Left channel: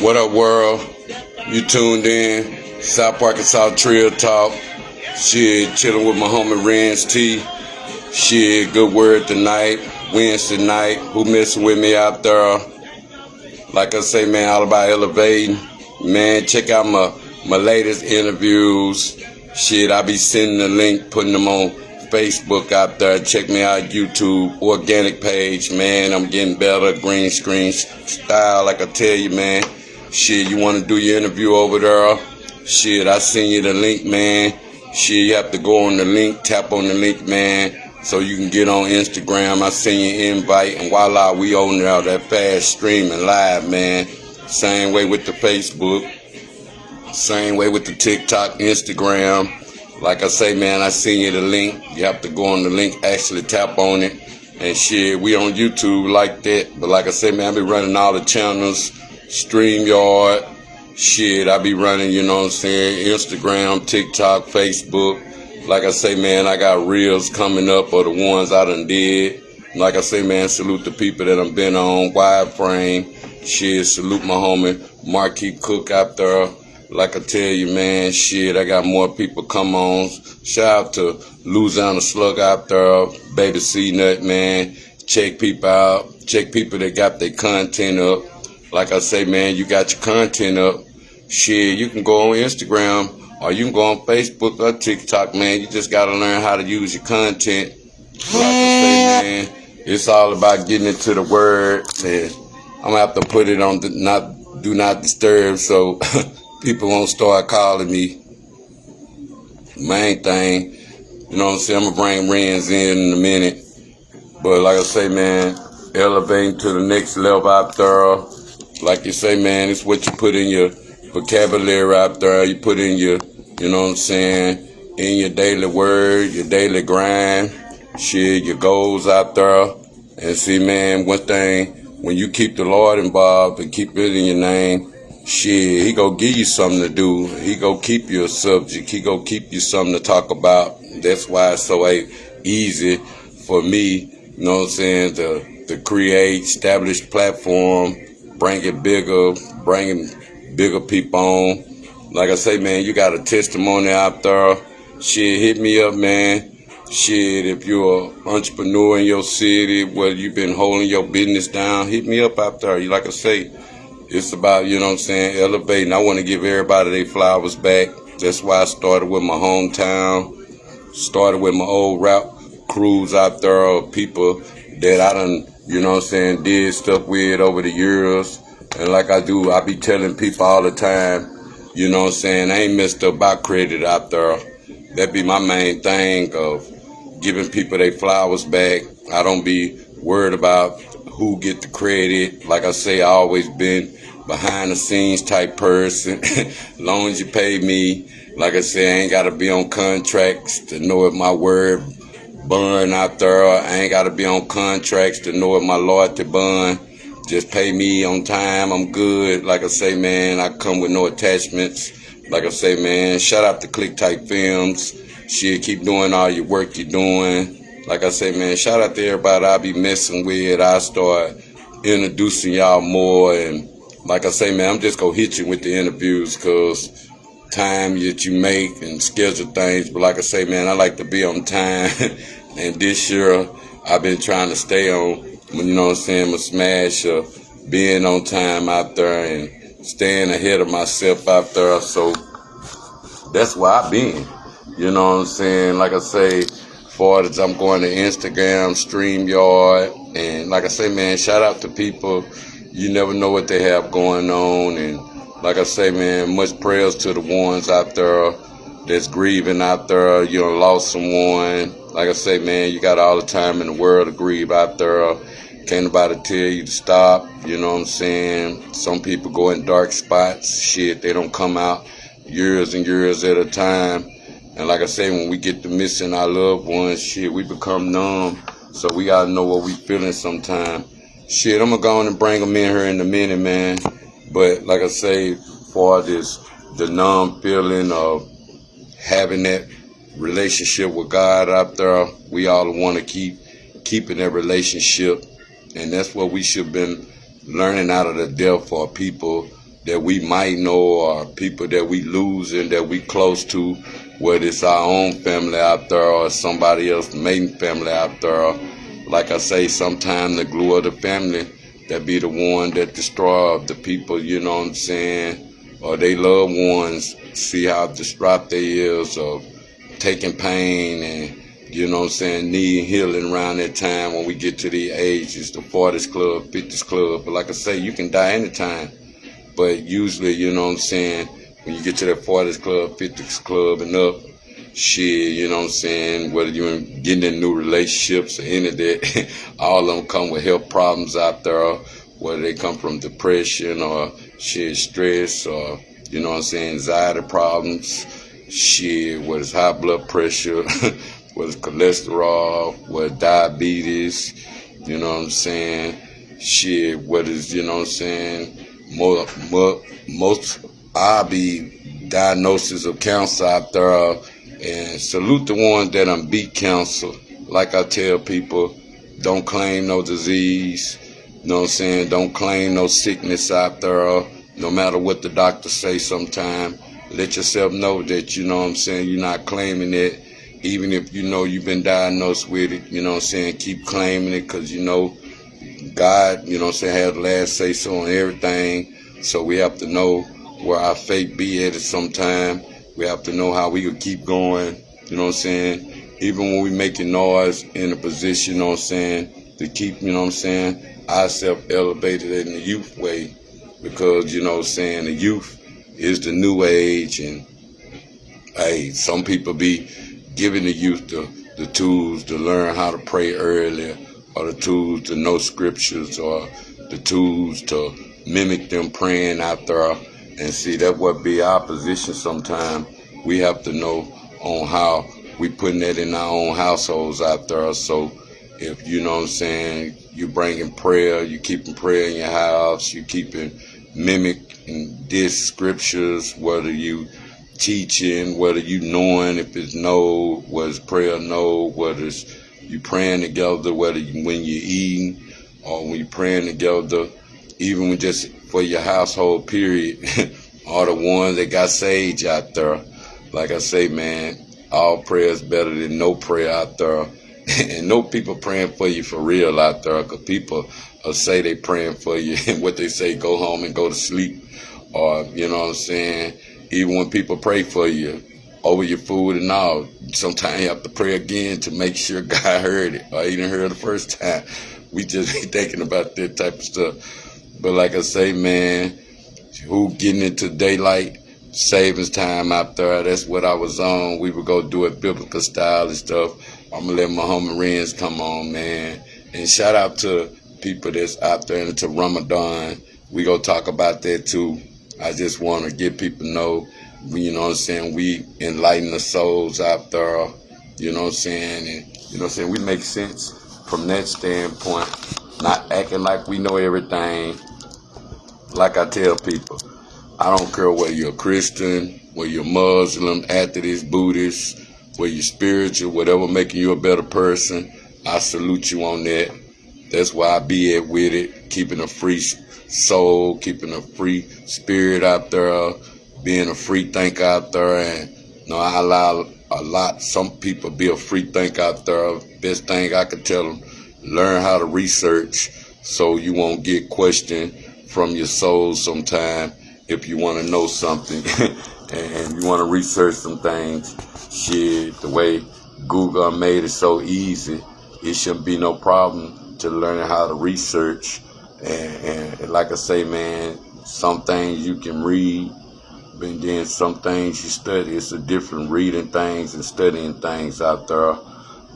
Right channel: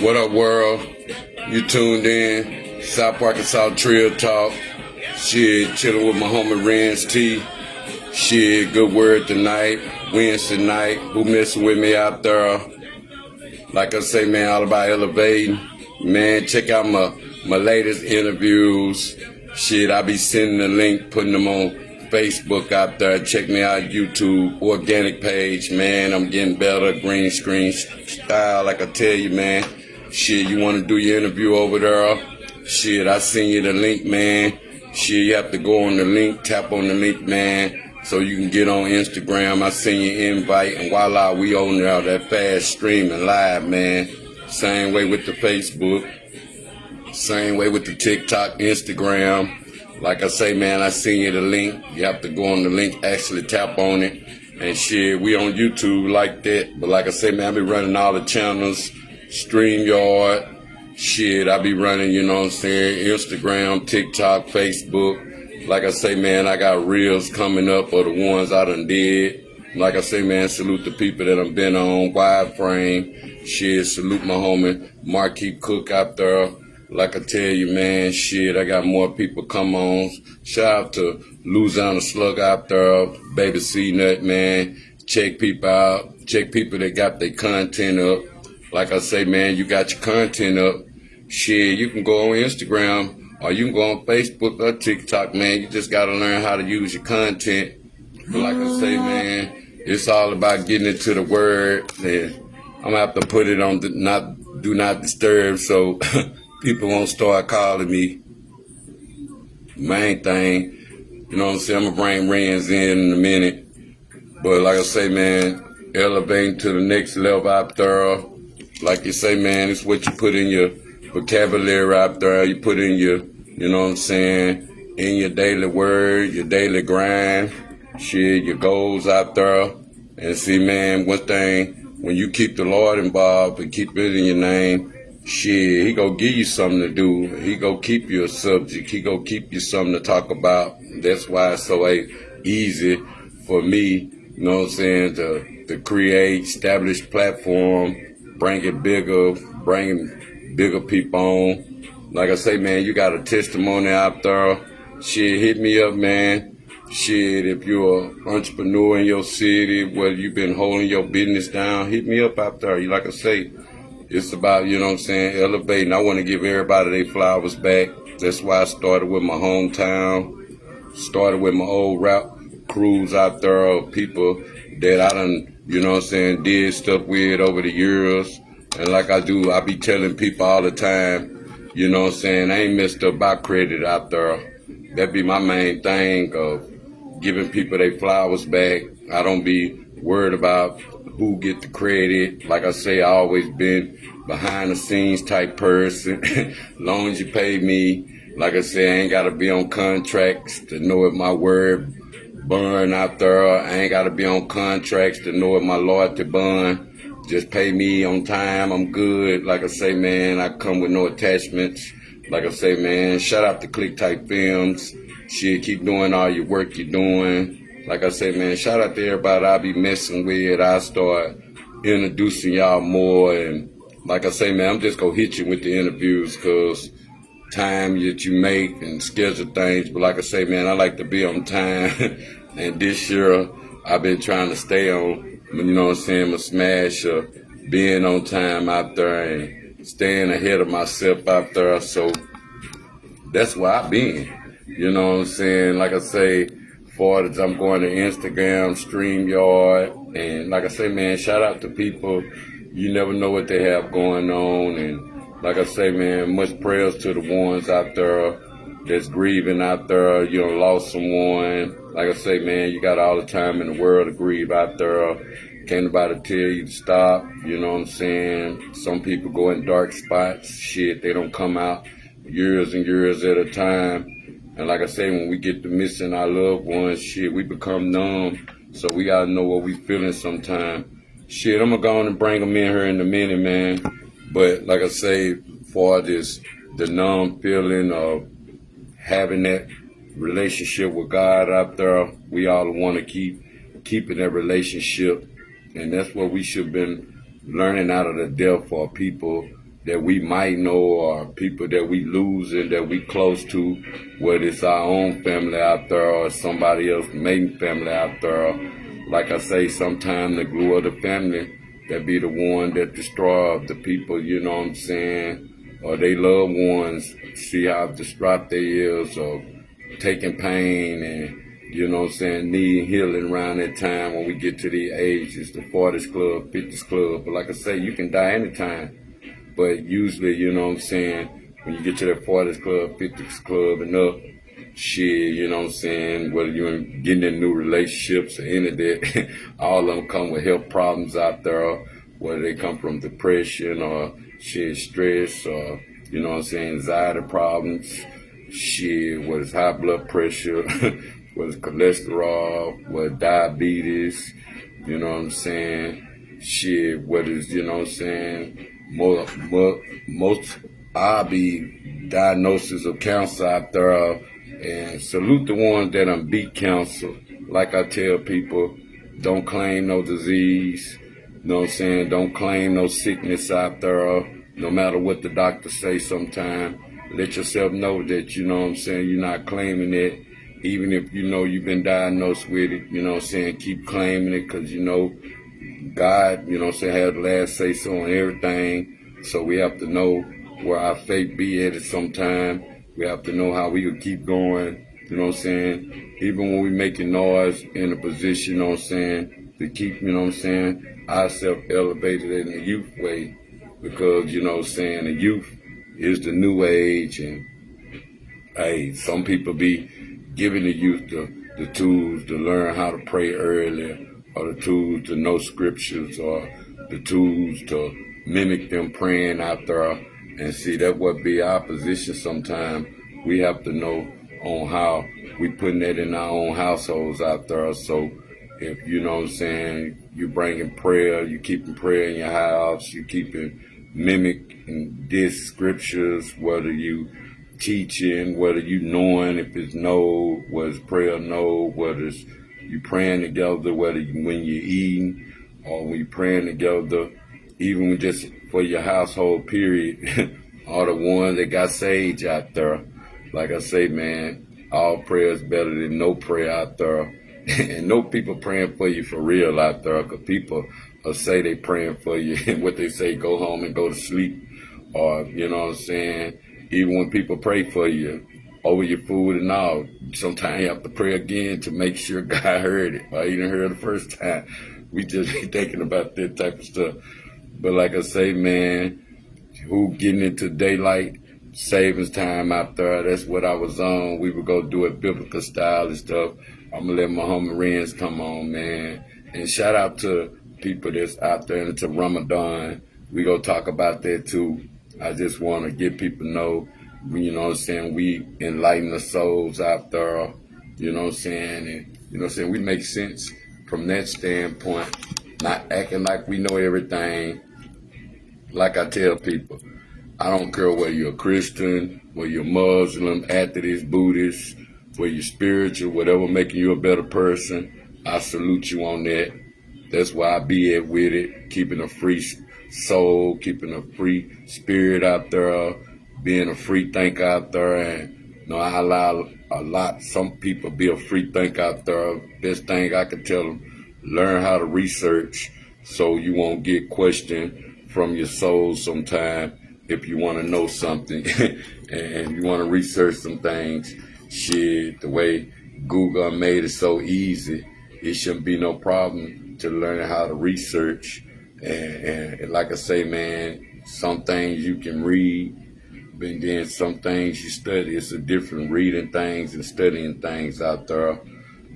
What up, world? You tuned in. South Arkansas Trill Talk. Shit, chilling with my homie Renz Tee. Shit, good word tonight. Wednesday night. Who messing with me out there? Like I say, man, all about elevating. Man, check out my latest interviews. Shit, I be sending the link, putting them on Facebook out there. Check me out, YouTube, organic page, man. I'm getting better, green screen style, like I tell you, man. Shit, you want to do your interview over there? Shit, I send you the link, man. Shit, you have to go on the link, tap on the link, man, so you can get on Instagram. I send you an invite, and voila, we on there, that fast streaming live, man. Same way with the Facebook, same way with the TikTok, Instagram. Like I say, man, I send you the link. You have to go on the link, actually tap on it. And shit, we on YouTube like that. But like I say, man, I be running all the channels, StreamYard. Shit, I be running, you know what I'm saying, Instagram, TikTok, Facebook. Like I say, man, I got reels coming up or the ones I done did. Like I say, man, salute the people that I've been on, wide frame. Shit, salute my homie Marquis Cook out there. Like I tell you, man, shit, I got more people come on. Shout out to Louisiana Slug out there, Baby C-Nut, man. Check people out. Check people that got their content up. Like I say, man, you got your content up. Shit, you can go on Instagram or you can go on Facebook or TikTok, man. You just got to learn how to use your content. Like I say, man, it's all about getting into the word. And I'm going to have to put it on do not disturb so people won't start calling me. Main thing, you know what I'm saying? I'm going to bring Renz in a minute. But like I say, man, elevating to the next level out there. Like you say, man, it's what you put in your vocabulary out there. You put in your, you know what I'm saying, in your daily word, your daily grind, shit, your goals out there. And see, man, one thing, when you keep the Lord involved and keep it in your name, shit, he go give you something to do. He go keep you a subject. He go keep you something to talk about. That's why it's so easy for me, you know what I'm saying, to create, establish platform, bring it bigger, bringing bigger people on. Like I say, man, you got a testimony out there. Shit, hit me up, man. Shit, if you're an entrepreneur in your city, whether you've been holding your business down, hit me up out there. Like I say, it's about, you know what I'm saying, elevating. I want to give everybody their flowers back. That's why I started with my hometown, started with my old rap crews out there, people that I done, you know what I'm saying, did stuff with over the years. And like I do, I be telling people all the time, you know what I'm saying, I ain't messed up by credit out there. That be my main thing of giving people their flowers back. I don't be worried about who get the credit. Like I say, I always been behind the scenes type person. As long as you pay me, like I say, I ain't gotta be on contracts to know if my word bun out there. I ain't gotta be on contracts to know if my loyalty bun. Just pay me on time, I'm good. Like I say, man, I come with no attachments. Like I say, man, shout out to Click Type Films. Shit, keep doing all your work you're doing. Like I say, man, shout out to everybody I be messing with. I start introducing y'all more. And like I say, man, I'm just going to hit you with the interviews because time that you make and schedule things. But like I say, man, I like to be on time. And this year, I've been trying to stay on, you know what I'm saying, a smash of being on time out there and staying ahead of myself out there. So that's where I've been. You know what I'm saying? Like I say, far as I'm going to Instagram, StreamYard, and like I say, man, shout out to people. You never know what they have going on. And like I say, man, much prayers to the ones out there that's grieving out there, you know, lost someone. Like I say, man, you got all the time in the world to grieve out there. Can't nobody tell you to stop, you know what I'm saying? Some people go in dark spots, shit, they don't come out years and years at a time. And like I say, when we get to missing our loved ones, shit, we become numb. So we gotta know what we feeling sometime. Shit, I'm gonna go on and bring them in here in a minute, man. But like I say, for this, the numb feeling of having that relationship with God out there, we all want to keeping that relationship. And that's what we should have been learning out of the death for people that we might know, or people that we losing that we close to, whether it's our own family out there or somebody else's main family out there. Like I say, sometimes the glue of the family that be the one that destroy the people, you know what I'm saying, or they loved ones, see how distraught they is, or taking pain and, you know what I'm saying, need healing around that time when we get to the ages, the 40s club, 50s club. But like I say, you can die anytime. But usually, you know what I'm saying, when you get to that 40s club, 50s club and up, shit, you know what I'm saying, whether you're getting in new relationships or any of that, all of them come with health problems out there, whether they come from depression or shit, stress, or, you know what I'm saying, anxiety problems, shit, whether it's high blood pressure, whether it's cholesterol, whether it's diabetes, you know what I'm saying, shit, whether it's, you know what I'm saying, most I be diagnosis of cancer out there, and salute the ones that done beat cancer. Like I tell people, don't claim no disease, you know what I'm saying, don't claim no sickness out there, no matter what the doctor say sometime. Let yourself know that, you know what I'm saying, you're not claiming it, even if you know you've been diagnosed with it, you know what I'm saying, keep claiming it, because you know, God, you know what I'm saying, had the last say so on everything. So we have to know where our faith be at some time. We have to know how we could keep going, you know what I'm saying, even when we making noise in a position, you know what I'm saying, to keep, you know what I'm saying, ourselves elevated in the youth way, because, you know what I'm saying, the youth is the new age, and hey, some people be giving the youth the tools to learn how to pray earlier, or the tools to know scriptures, or the tools to mimic them praying out there. And see, that would be our position sometime. We have to know on how we putting that in our own households out there. So if, you know what I'm saying, you bringing prayer, you keeping prayer in your house, you keeping mimicking this scriptures, whether you teaching, whether you knowing if it's no, whether it's prayer no, whether it's you praying together, whether when you're eating or when you're praying together, even when just for your household period, all the ones that got sage out there. Like I say, man, all prayer is better than no prayer out there. And no people praying for you for real out there, because people will say they praying for you, and what they say, go home and go to sleep. Or, you know what I'm saying, even when people pray for you over your food and all, sometimes you have to pray again to make sure God heard it, or he didn't hear it the first time. We just be thinking about that type of stuff. But like I say, man, who getting into daylight savings time out there, that's what I was on. We would go do it biblical style and stuff. I'm going to let my homie Renz come on, man. And shout out to people that's out there into Ramadan. We going to talk about that too. I just want to get people know, you know what I'm saying, we enlighten the souls out there, you know what I'm saying, and, you know what I'm saying, we make sense from that standpoint, not acting like we know everything. Like I tell people, I don't care whether you're a Christian, whether you're Muslim, atheist, Buddhist, whether you're spiritual, whatever making you a better person, I salute you on that. That's why I be at with it, keeping a free soul, keeping a free spirit out there, being a free thinker out there. And you know, I allow some people be a free thinker out there. Best thing I could tell them, learn how to research so you won't get questioned from your soul sometime if you want to know something and you want to research some things. Shit, the way Google made it so easy, it shouldn't be no problem to learn how to research. And like I say, man, some things you can read, but then some things you study. It's a different reading things and studying things out there.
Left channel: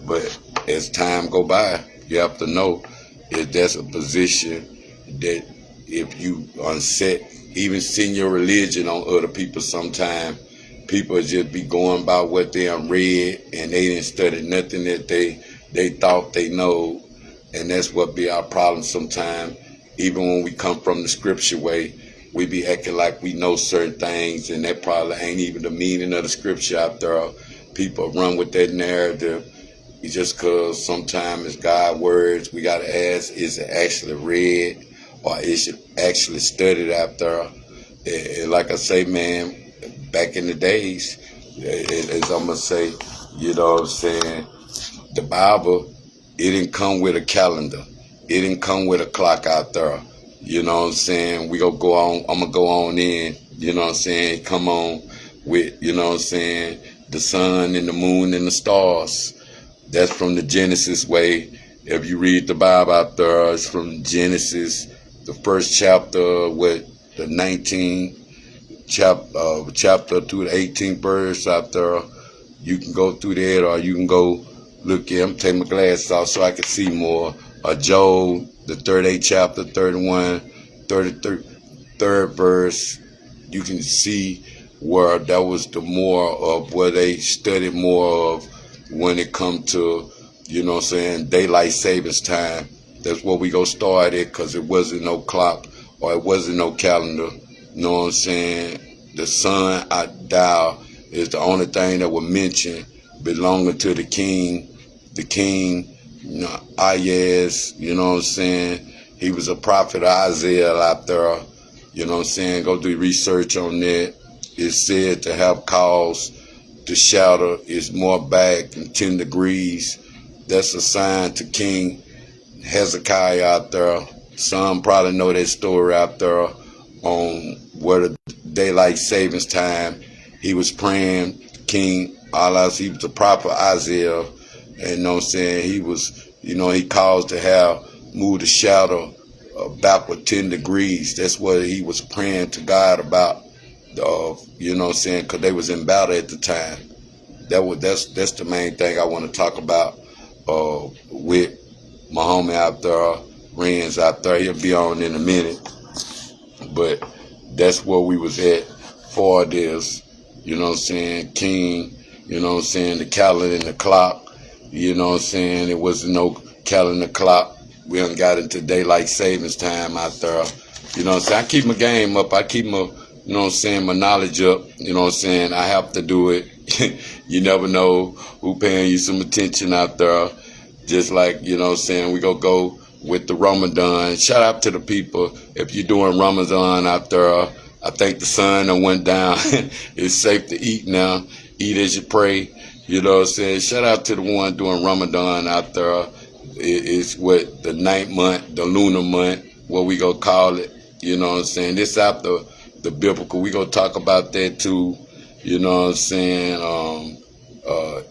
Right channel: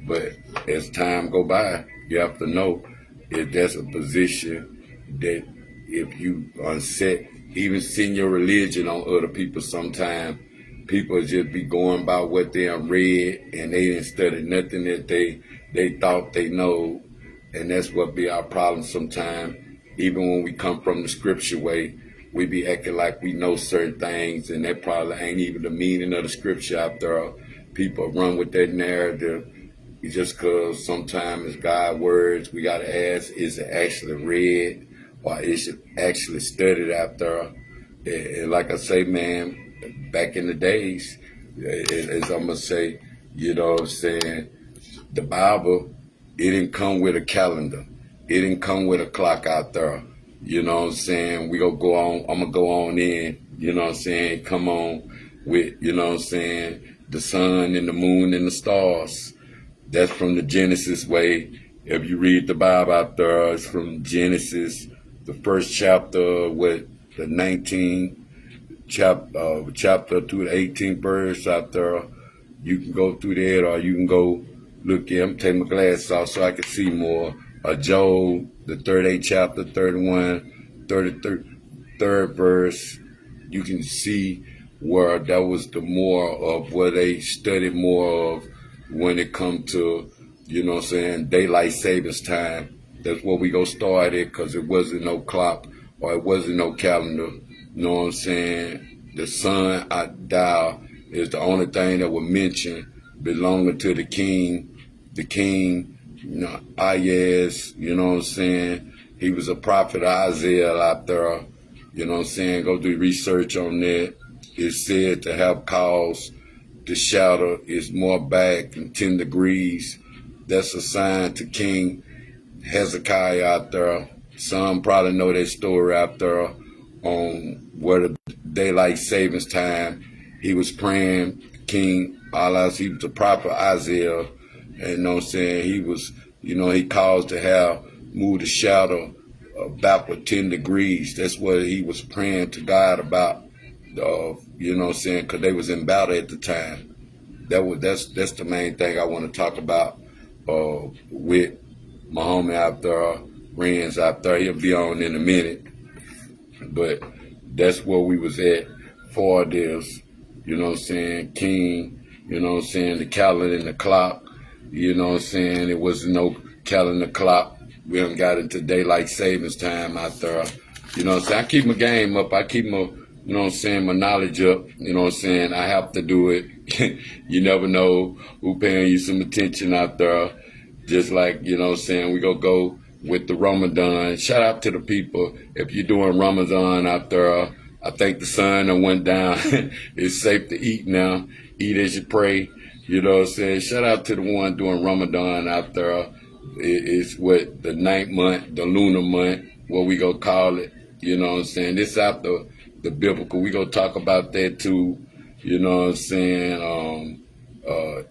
But as time go by, you have to know if there's a position that if you unset, even seeing your religion on other people sometime, people just be going by what they read and they didn't study nothing that they thought they know. And that's what be our problem sometimes. Even when we come from the scripture way, we be acting like we know certain things, and that probably ain't even the meaning of the scripture out there. People run with that narrative. It's just because sometimes it's God's words. We got to ask, is it actually read or is it actually studied out there? And like I say, man, back in the days, as I'm gonna say, you know what I'm saying, the Bible, it didn't come with a calendar. It didn't come with a clock out there. You know what I'm saying? We gonna go on, I'm gonna go on in, you know what I'm saying, come on with, you know what I'm saying, the sun and the moon and the stars. That's from the Genesis way. If you read the Bible out there, it's from Genesis, the first chapter with the 19th chapter through the 18th verse out there. You can go through that, or you can go look at, I'm taking my glasses off so I can see more. Joel, the 38th chapter, 31, 33rd verse. You can see where that was the more of where they studied more of when it come to, you know what I'm saying, daylight savings time. That's where we go start it, because it wasn't no clock or it wasn't no calendar. You know what I'm saying? The sun dial is the only thing that was mentioned belonging to the king. The king, you know, Ayaz, you know what I'm saying? He was a prophet, Isaiah out there. You know what I'm saying? Go do research on that. It's said to have caused the shadow is more back than 10 degrees. That's a sign to King Hezekiah out there. Some probably know that story out there on where the daylight savings time. He was praying, King Allah, he was the prophet Isaiah. And you know what I'm saying? He was, you know, he caused to have moved the shadow backward 10 degrees. That's what he was praying to God about. You know what I'm saying? Because they was in battle at the time. That's the main thing I want to talk about with my homie out there, Renz out there. He'll be on in a minute. But that's where we was at for this, you know what I'm saying, King, you know what I'm saying, the calendar and the clock, you know what I'm saying, it wasn't no calendar clock. We done got into daylight savings time out there, you know what I'm saying. I keep my game up, I keep my, you know what I'm saying, my knowledge up, you know what I'm saying, I have to do it. You never know who paying you some attention out there. Just like, you know what I'm saying, we gonna go with the Ramadan. Shout out to the people. If you're doing Ramadan out there, I think the sun done went down. It's safe to eat now. Eat as you pray. You know what I'm saying? Shout out to the one doing Ramadan out there. It's what the 9th month, the lunar month, what we gonna call it. You know what I'm saying? This after the biblical. We gonna talk about that too. You know what I'm saying?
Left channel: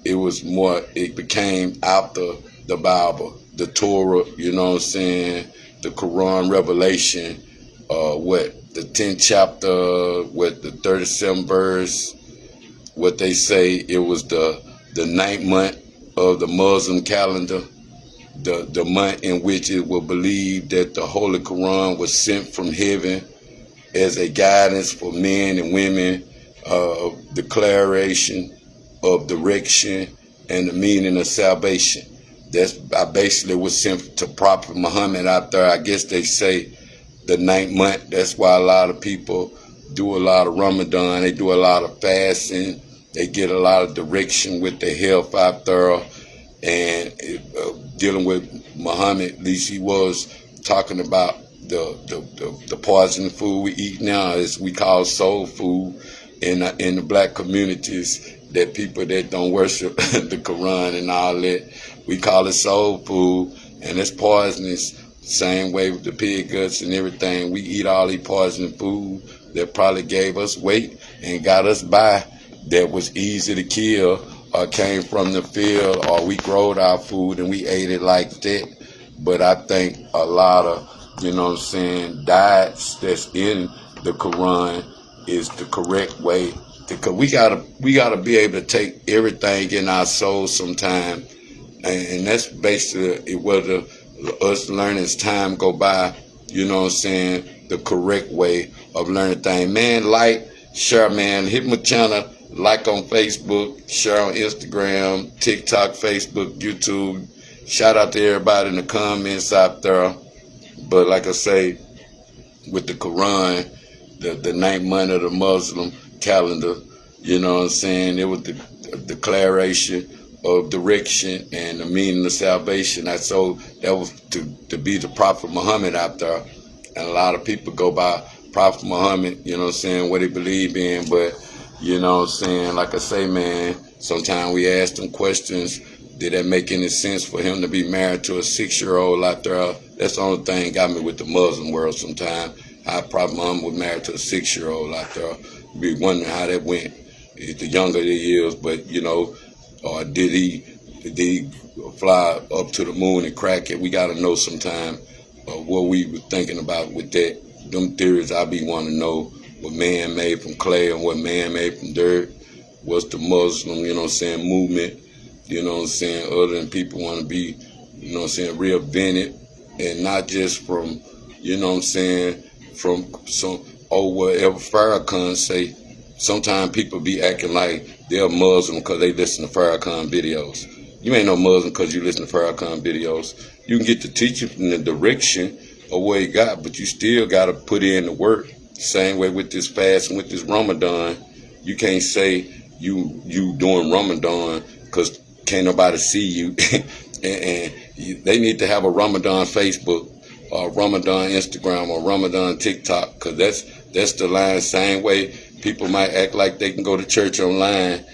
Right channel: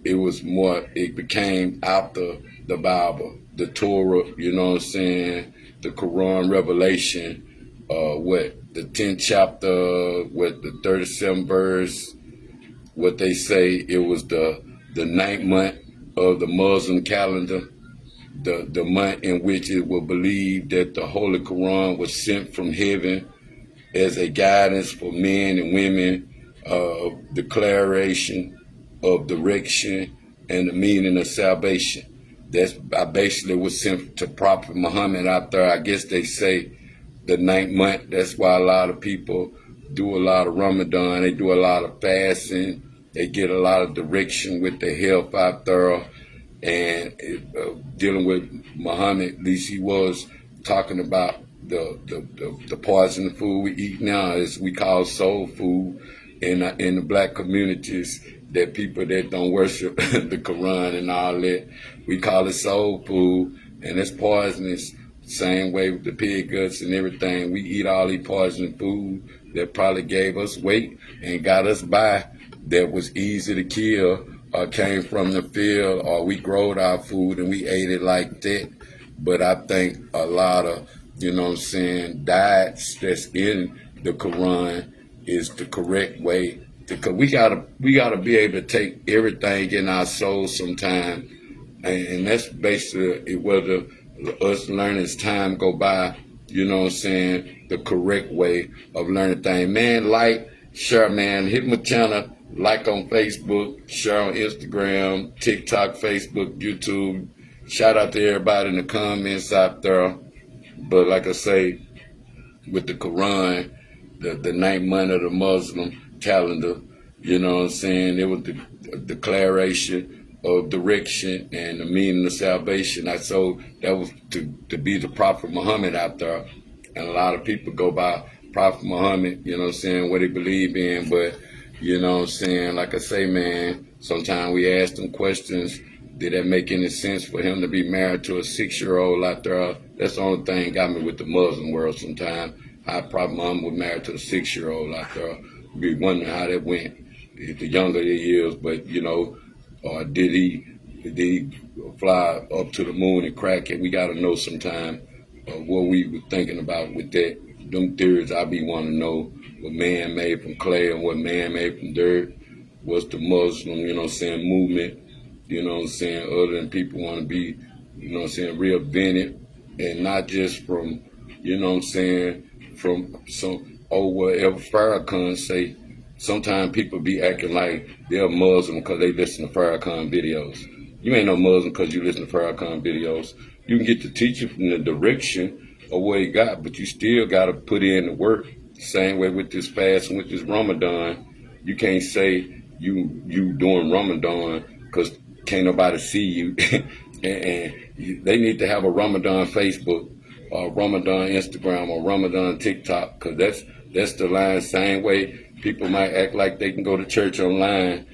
It was more, it became after the Bible, the Torah, you know what I'm saying, the Quran, Revelation, the 10th chapter, the 37th verse, what they say, it was the 9th month of the Muslim calendar, the month in which it was believed that the Holy Quran was sent from heaven as a guidance for men and women, declaration of direction and the meaning of salvation. That's I basically was sent to Prophet Muhammad out there. I guess they say the 9th month. That's why a lot of people do a lot of Ramadan. They do a lot of fasting. They get a lot of direction with their health out there. And dealing with Muhammad, at least he was talking about the poison food we eat now, is we call soul food in the black communities, that people that don't worship the Quran and all that, we call it soul food, and it's poisonous. Same way with the pig guts and everything. We eat all these poison food that probably gave us weight and got us by, that was easy to kill, or came from the field, or we growed our food and we ate it like that. But I think a lot of, you know what I'm saying, diets that's in the Quran is the correct way, because we gotta be able to take everything in our soul sometime, and that's basically whether us learning as time go by, you know what I'm saying, the correct way of learning things. Man, like, share, man, hit my channel, like on Facebook, share on Instagram, TikTok, Facebook, YouTube. Shout out to everybody in the comments out there. But like I say, with the Quran, the 9th month of the Muslim calendar, you know what I'm saying, it was the declaration of direction and the meaning of salvation. So that was to be the Prophet Muhammad out there. And a lot of people go by Prophet Muhammad, you know what I'm saying, what he believe in. But, you know what I'm saying, like I say, man, sometimes we ask them questions. Did that make any sense for him to be married to a 6-year-old out there? That's the only thing got me with the Muslim world sometimes. How Prophet Muhammad was married to a 6-year-old out there. Be wondering how that went. The younger he is, but, you know, or did he fly up to the moon and crack it? We got to know sometime what we were thinking about with that. Them theories I be wanting to know what man made from clay and what man made from dirt. What's the Muslim, you know what I'm saying, movement, you know what I'm saying, other than people want to be, you know what I'm saying, reinvented, and not just from, you know what I'm saying, from some, whatever Farrakhan say. Sometimes people be acting like they're Muslim because they listen to Farrakhan videos. You ain't no Muslim because you listen to Farrakhan videos. You can get the teaching from the direction of what he got, but you still got to put in the work. Same way with this fast and with this Ramadan. You can't say you doing Ramadan because can't nobody see you. and they need to have a Ramadan Facebook or Ramadan Instagram or Ramadan TikTok, because that's the line. Same way people might act like they can go to church online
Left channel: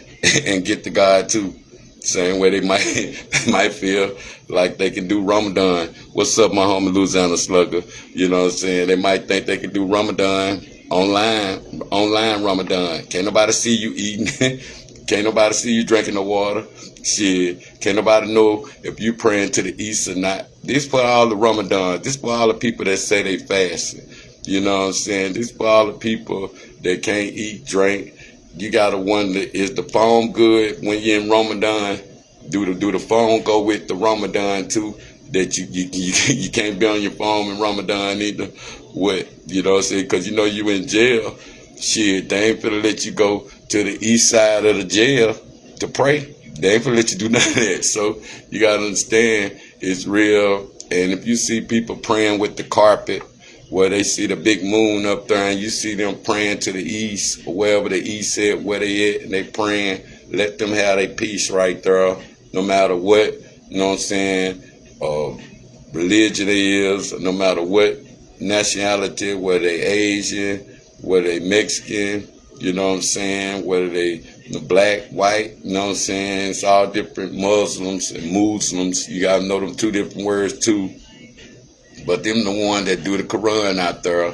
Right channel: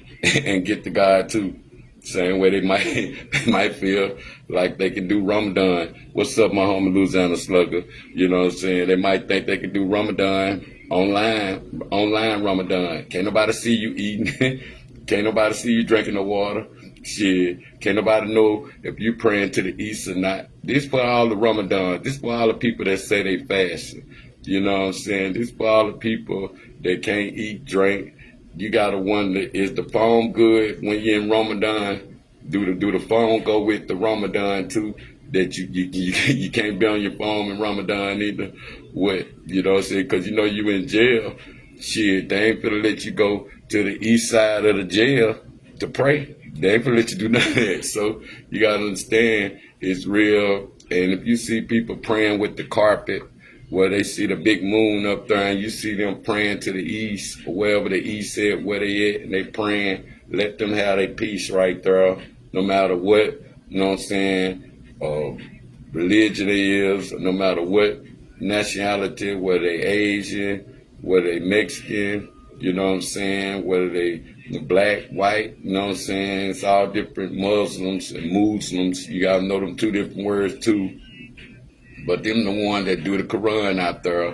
and get to God too. Same way they might feel like they can do Ramadan. What's up, my homie Louisiana Slugger? You know what I'm saying? They might think they can do Ramadan online Ramadan. Can't nobody see you eating. Can't nobody see you drinking the water. Shit. Can't nobody know if you praying to the east or not. This for all the Ramadan. This for all the people that say they fasting. You know what I'm saying? This for all the people that can't eat, drink. You gotta wonder, is the phone good when you're in Ramadan? Do the phone go with the Ramadan too? That you can't be on your phone in Ramadan either. What, you know what I'm saying? Because you know you in jail. Shit, they ain't finna let you go to the east side of the jail to pray. They ain't finna let you do none of that. So you gotta understand it's real. And if you see people praying with the carpet, where they see the big moon up there and you see them praying to the east, or wherever the east said where they at, and they praying, let them have their peace right there, no matter what, you know what I'm saying, religion they is, no matter what nationality, whether they Asian, whether they Mexican, you know what I'm saying, whether they black, white, you know what I'm saying, it's all different. Muslims and Muslims, you gotta know them two different words too. But them the one that do the Quran out there,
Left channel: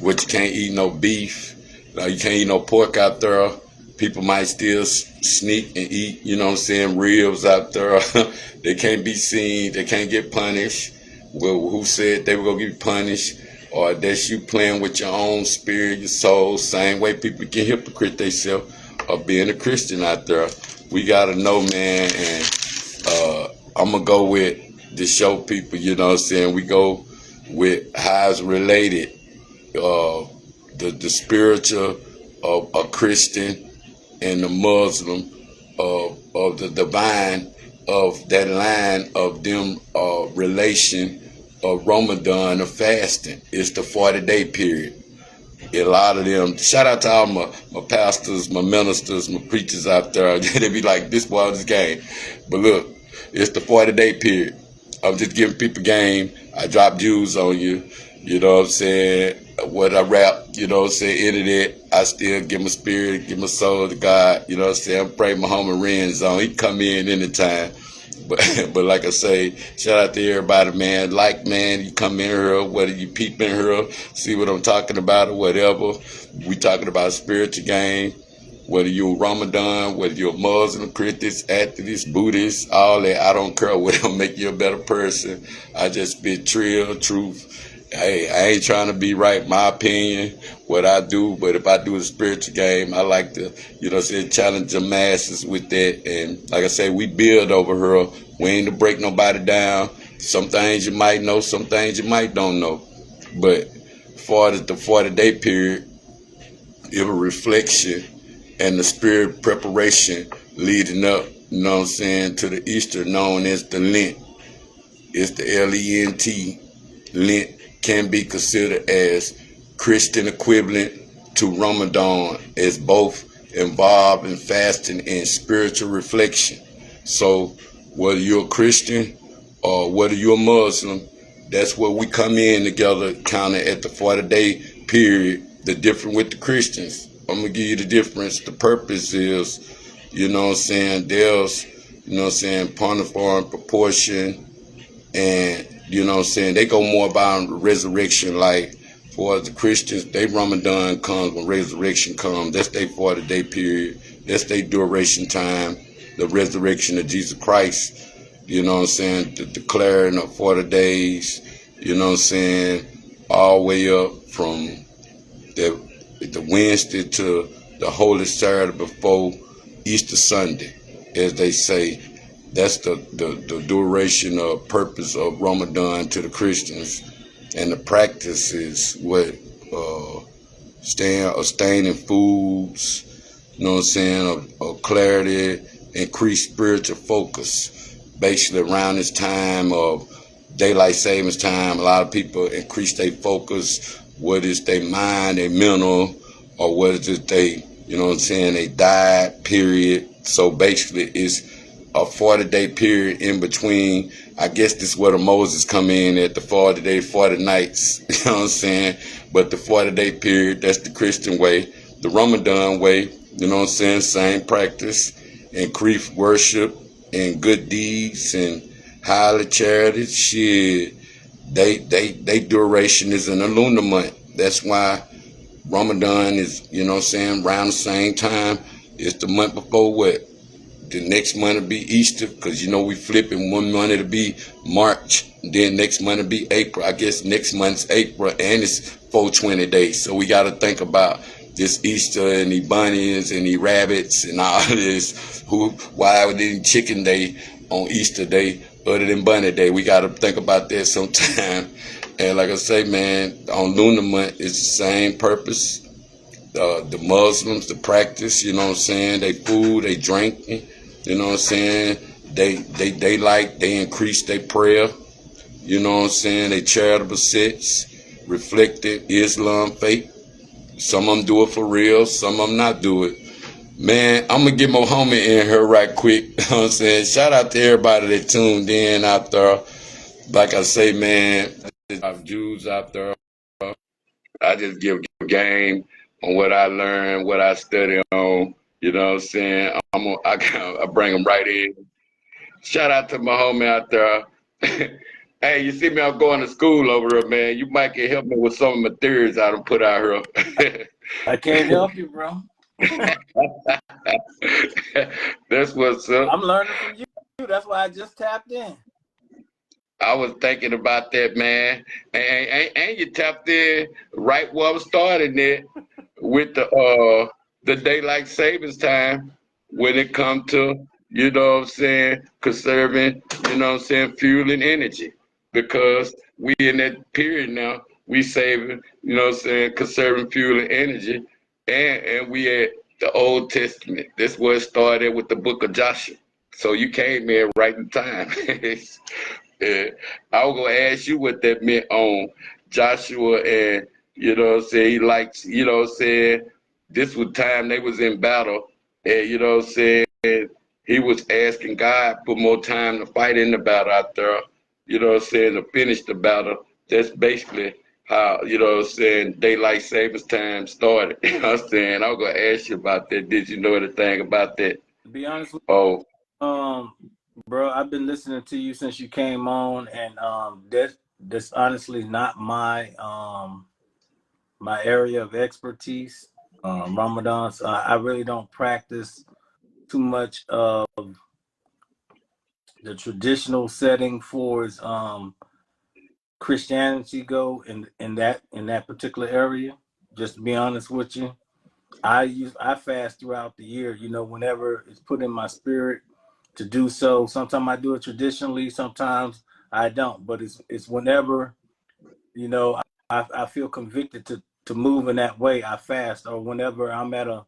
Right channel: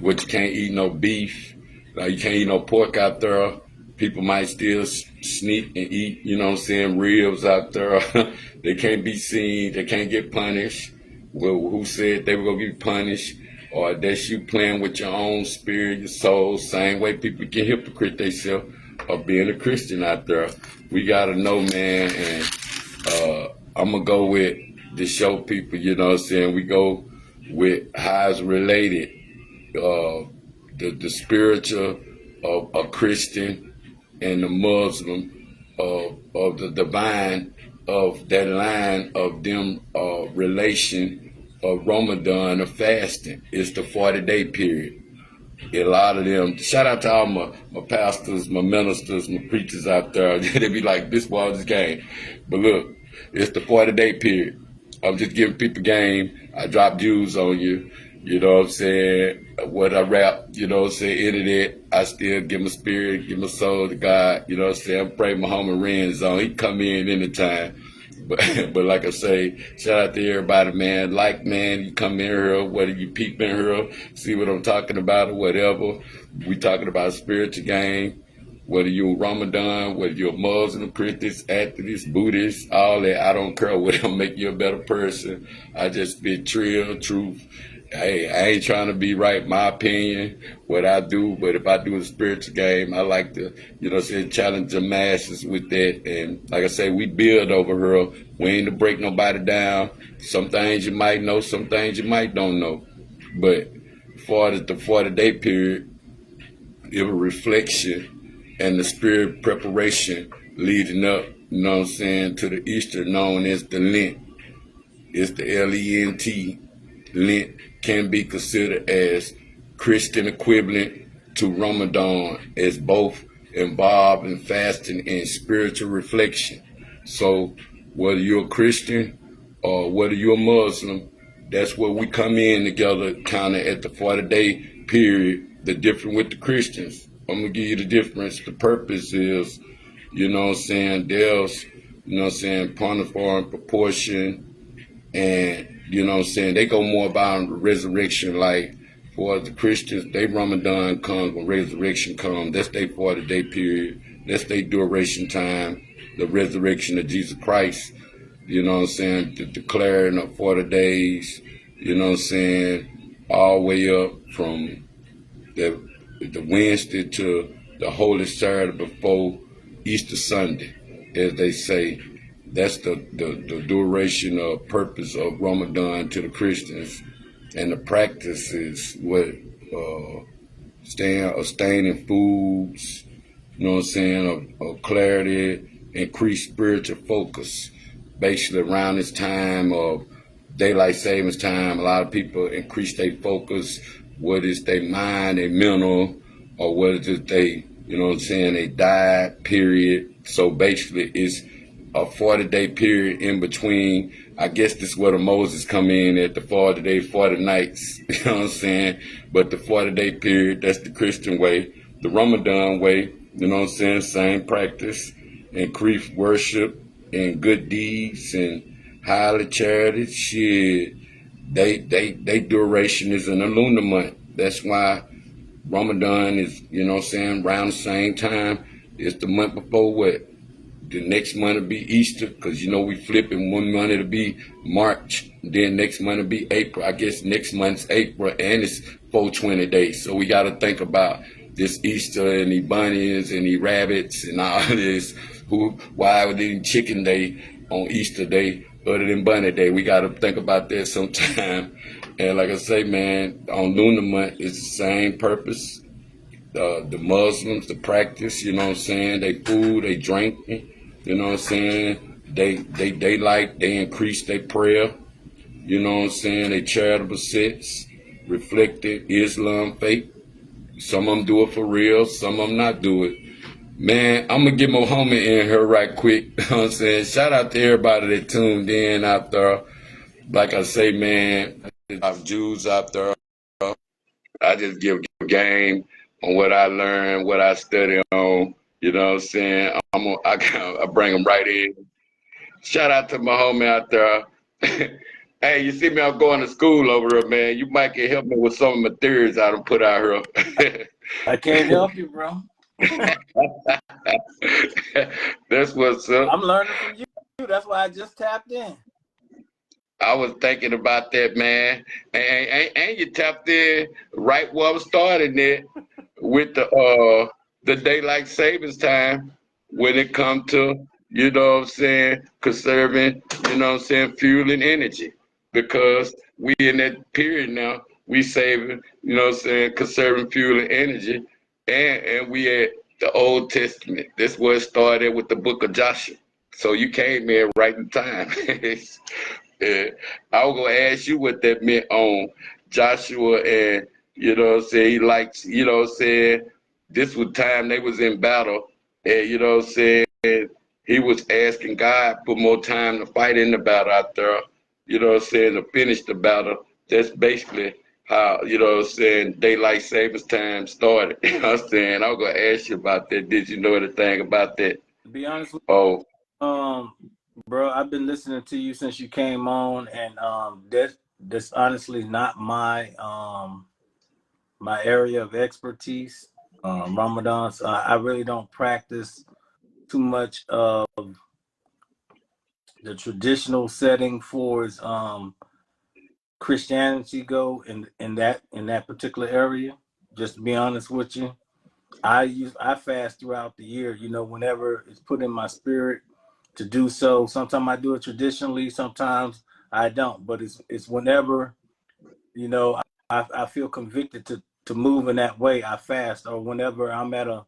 which you can't eat no beef, you can't eat no pork out there. People might still sneak and eat, you know what I'm saying, ribs out there. They can't be seen, they can't get punished. Well, who said they were gonna get punished? Or that's you playing with your own spirit, your soul. Same way people get hypocrite themselves of being a Christian out there. We gotta know, man, and I'm gonna go with to show people, you know what I'm saying, we go with how it's related, the spiritual of a Christian and the Muslim of the divine of that line of them relation of Ramadan of fasting. It's the 40-day period. A lot of them, shout out to all my pastors, my ministers, my preachers out there. They be like, this was game. But look, it's the 40-day period. I'm just giving people game. I drop views on you. You know what I'm saying? What I rap, you know what I'm saying? Internet, I still give my spirit, give my soul to God. You know what I'm saying? I'm praying my homie Renz on. He can come in anytime. But like I say, shout out to everybody, man. Like, man, you come in here, whether you peep in here, see what I'm talking about or whatever. We talking about spiritual game. Whether you're Ramadan, whether you're Muslim, Christian, atheist, Buddhist, all that, I don't care. Whatever make you a better person. I just spit real truth. Hey, I ain't trying to be right, my opinion, what I do, but if I do a spiritual game, I like to, you know, say, challenge the masses with that. And like I say, we build over here. We ain't to break nobody down. Some things you might know, some things you might don't know. But for the 40-day period, it was a reflection and the spirit preparation leading up, you know what I'm saying, to the Easter known as the Lent. It's the L-E-N-T. Lent can be considered as Christian equivalent to Ramadan, as both involved in fasting and spiritual reflection. So whether you're a Christian or whether you're a Muslim, that's where we come in together, kind of at the 40-day period. The difference with the Christians, I'm gonna give you the difference. The purpose is, you know what I'm saying, there's, you know what I'm saying, partiform proportion, and you know what I'm saying, they go more about resurrection. Like for the Christians, they Ramadan comes when resurrection comes. That's their 40-day period. That's their duration time. The resurrection of Jesus Christ. You know what I'm saying? The declaring of 40 days. You know what I'm saying? All the way up from the Wednesday to the Holy Saturday before Easter Sunday, as they say. That's the duration or purpose of Ramadan to the Christians. And the practice is what abstaining foods, you know what I'm saying, of clarity, increased spiritual focus. Basically around this time of daylight savings time, a lot of people increase their focus, whether it's their mind, their mental, or whether it's just they, you know what I'm saying, they diet period. So basically it's a 40-day period in between. I guess this is where the Moses come in at the 40-day, 40 nights, you know what I'm saying? But the 40-day period, that's the Christian way. The Ramadan way, you know what I'm saying, same practice, increased worship and good deeds and highly charity. Shit, they duration is in the lunar month. That's why Ramadan is, you know what I'm saying, around the same time. It's the month before what? The next month will be Easter, because you know we flipping. One month it'll be March, then next month it'll be April. I guess next month's April, and it's 420 days. So we got to think about this Easter and the bunnies and the rabbits and all this. Why would they chicken day on Easter day other than bunny day? We got to think about that sometime. And like I say, man, on lunar month it's the same purpose. The Muslims, the practice, you know what I'm saying, they food, they drinking, you know what I'm saying, they increase their prayer, you know what I'm saying, they charitable sets, reflected Islam faith. Some of them do it for real, some of them not do it. Man, I'm gonna get my homie in here right quick, you know what I'm saying. Shout out to everybody that tuned in out there. Like I say, man, there's Jews out there. I just give game on what I learn, what I study on. You know what I'm saying? I bring them right in. Shout out to my homie out there. Hey, you see me? I'm going to school over here, man. You might can help me with some of my theories I done put out here. I can't help you, bro. That's what's up. I'm learning from you. That's why I just tapped in. I was thinking about that, man, and you tapped in right where I was starting it with the daylight savings time when it comes to, you know what I'm saying, conserving, you know what I'm saying, fuel and energy, because we in that period now, we saving, you know what I'm saying, conserving fuel and energy, and we at the Old Testament. This was started with the book of Joshua. So you came in right in time. Yeah. I was gonna ask you what that meant on Joshua, and you know what I'm saying, he likes, you know what I'm saying, this was time they was in battle, and you know what I'm saying, he was asking God for more time to fight in the battle out there, you know what I'm saying, to finish the battle. That's basically how, you know what I'm saying, daylight savings time started. You know what I'm saying? I was gonna ask you about that. Did you know anything about that? To be honest with Oh, you, bro, I've been listening to you since you came on, and that's honestly not my my area of expertise. Ramadan, so I really don't practice too much of the traditional setting for as Christianity go in that particular area. Just to be honest with you, I fast throughout the year. You know, whenever it's put in my spirit to do so. Sometimes I do it traditionally, sometimes I don't. But it's whenever, you know, I feel convicted to move in that way, I fast, or whenever I'm at a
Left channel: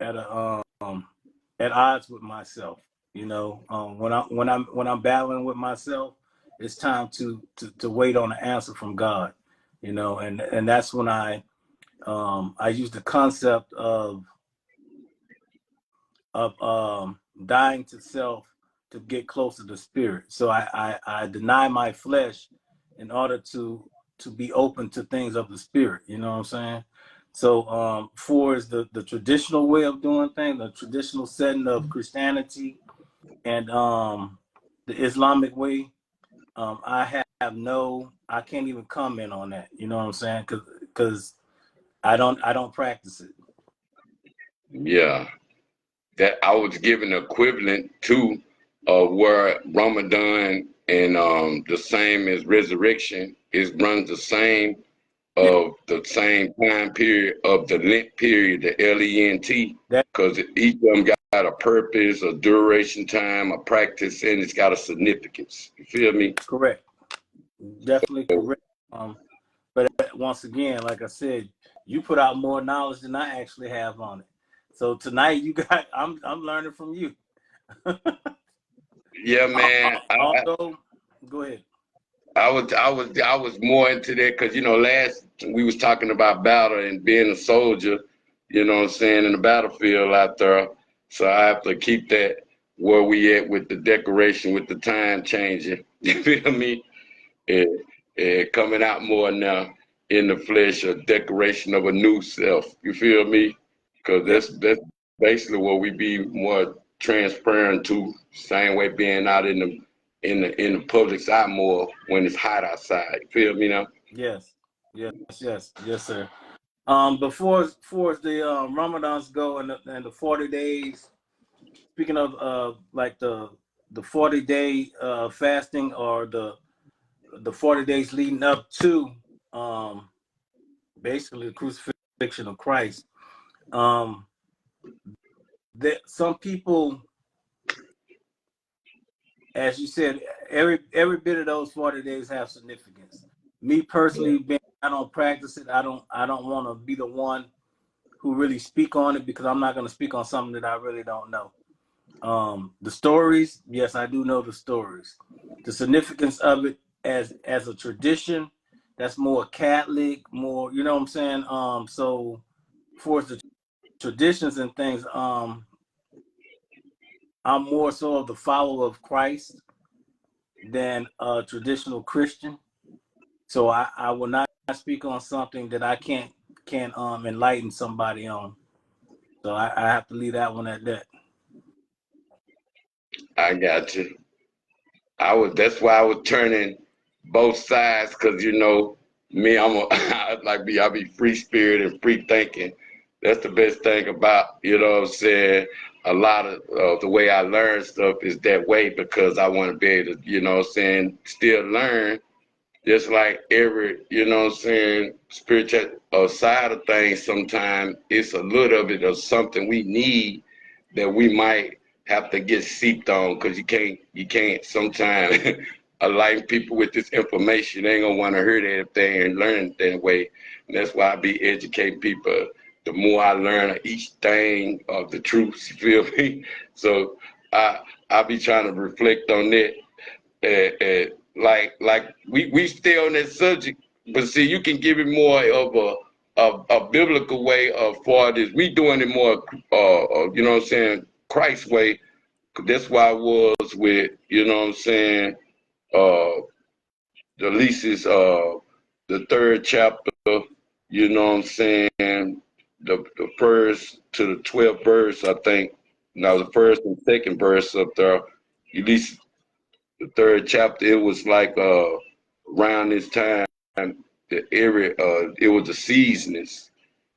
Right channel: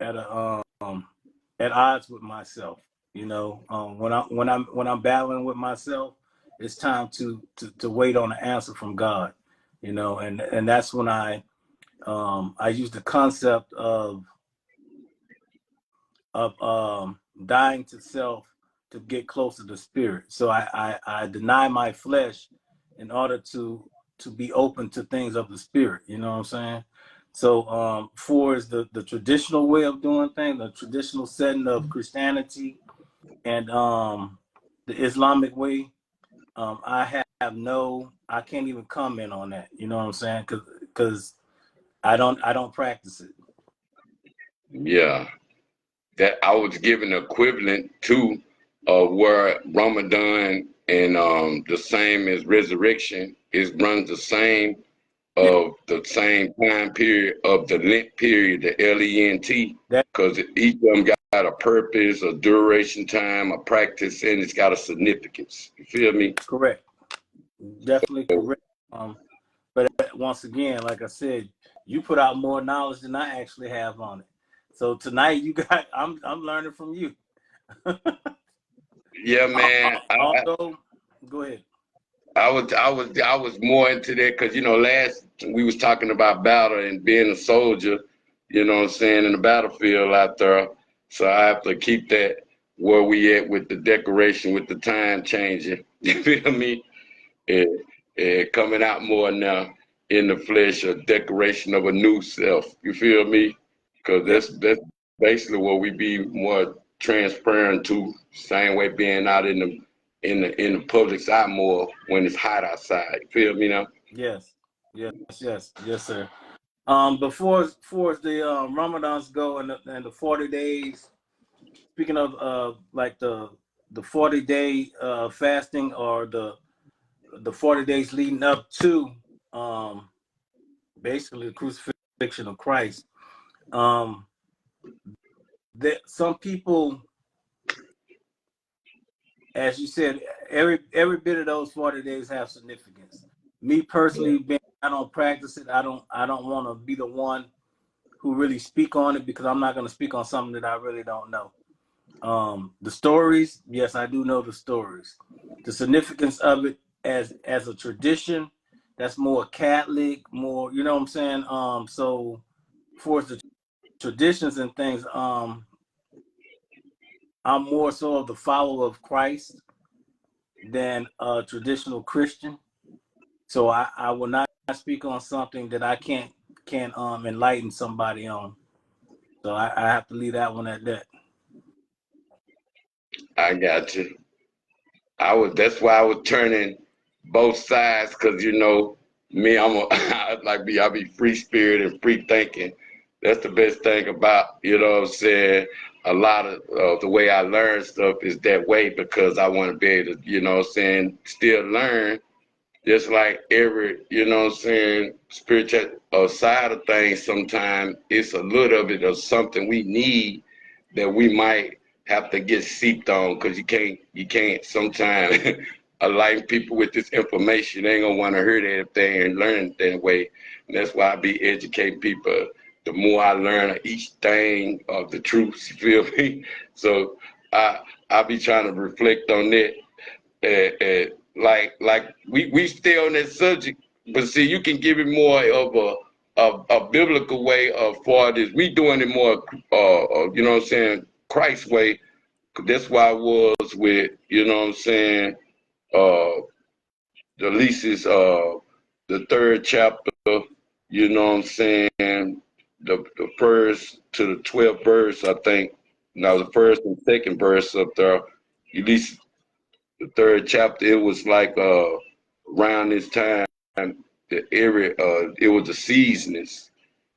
at odds with myself. You know, when I'm battling with myself, it's time to wait on an answer from God. You know, and that's when I use the concept of dying to self to get closer to spirit. So I deny my flesh in order to to be open to things of the spirit. You know what I'm saying? So for is the traditional way of doing things, the traditional setting of Christianity and the Islamic way. I can't even comment on that. You know what I'm saying? Because I don't practice it. Yeah, that I was given equivalent to where Ramadan and the same as resurrection is runs the same Yeah, of the same time period of the Lent period, the Lent, that because each of them got a purpose, a duration time, a practice, and it's got a significance. You feel me? correct. Definitely correct. But once again, like I said, you put out more knowledge than I actually have on it. So tonight I'm learning from you. Yeah, man. Although, go ahead. I was more into that because last we was talking about battle and being a soldier, what I'm saying, in the battlefield out there. So I have to keep that where we at with the decoration, with the time changing. You feel me? And coming out more now in the flesh, a decoration of a new self. You feel me? Because Yeah, that's basically what we be more transparent to. Same way being out in the public's eye more when it's hot outside. You feel me now? yes, yes, sir. Before the Ramadans go and the 40 days. Speaking of like the 40-day fasting or the 40 days leading up to um basically the crucifixion of Christ. Um, that some people, as you said, every bit of those 40 days have significance. Me personally, I don't practice it. I don't want to be the one who really speak on it because I'm not going to speak on something that I really don't know. The stories, yes, I do know the stories. The significance of it as a tradition, that's more Catholic, more, you know what I'm saying? So for the traditions and things, I'm more so of the follower of Christ than a traditional Christian. So I will not speak on something that I can't enlighten somebody on. So I have to leave that one at that. I got you. That's why I was turning both sides because me, I be free spirit and free thinking. That's the best thing about, what I'm saying, a lot of the way I learn stuff is that way because I want to be able to, what I'm saying, still learn just like every, what I'm saying, spiritual side of things. Sometimes it's a little bit of something we need that we might have to get seeped on because you can't sometimes align people with this information. They ain't gonna want to hear that if they ain't learn that way. And that's why I be educating people. The more I learn of each thing of the truth, you feel me? So I be trying to reflect on that. Like we stay on that subject, but see, you can give it more of a biblical way of far as we doing it more, what I'm saying, Christ way. That's why I was with, what I'm saying, uh, the leases, the third chapter, what I'm saying, the first to the 12th verse, I think. Now the first and second verse up there, at least the third chapter, it was like around this time, the area, it was the seasons.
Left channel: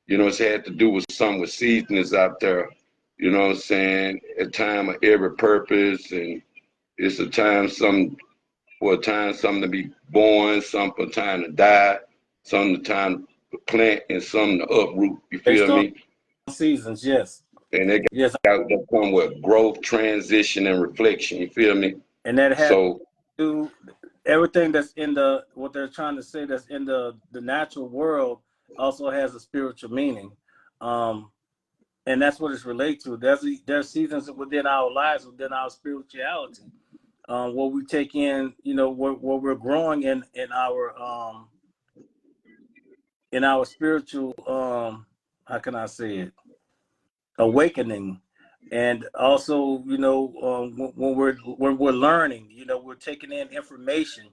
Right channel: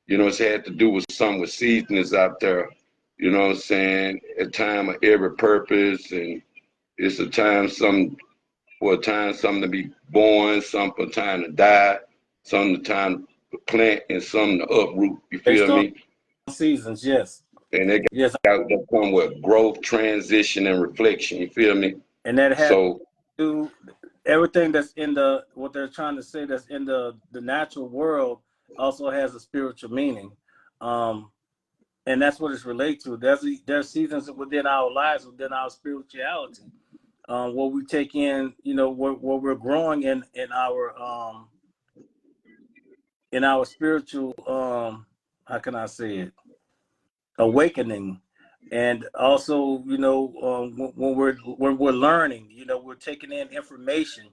It had to do with something with seasons out there. You know what I'm saying? A time of every purpose, and it's a time some for a time something to be born, some for a time to die, some the time to plant, and some to uproot. You Based feel on me? seasons, yes. And they Yes, got that come with growth, transition, and reflection. You feel me? and that has So to everything that's in the what they're trying to say that's in the natural world also has a spiritual meaning, and that's what it's related to. There's seasons within our lives, within our spirituality, where we take in, where we're growing in our spiritual, how can I say it, awakening. And also, when we're learning, we're taking in information,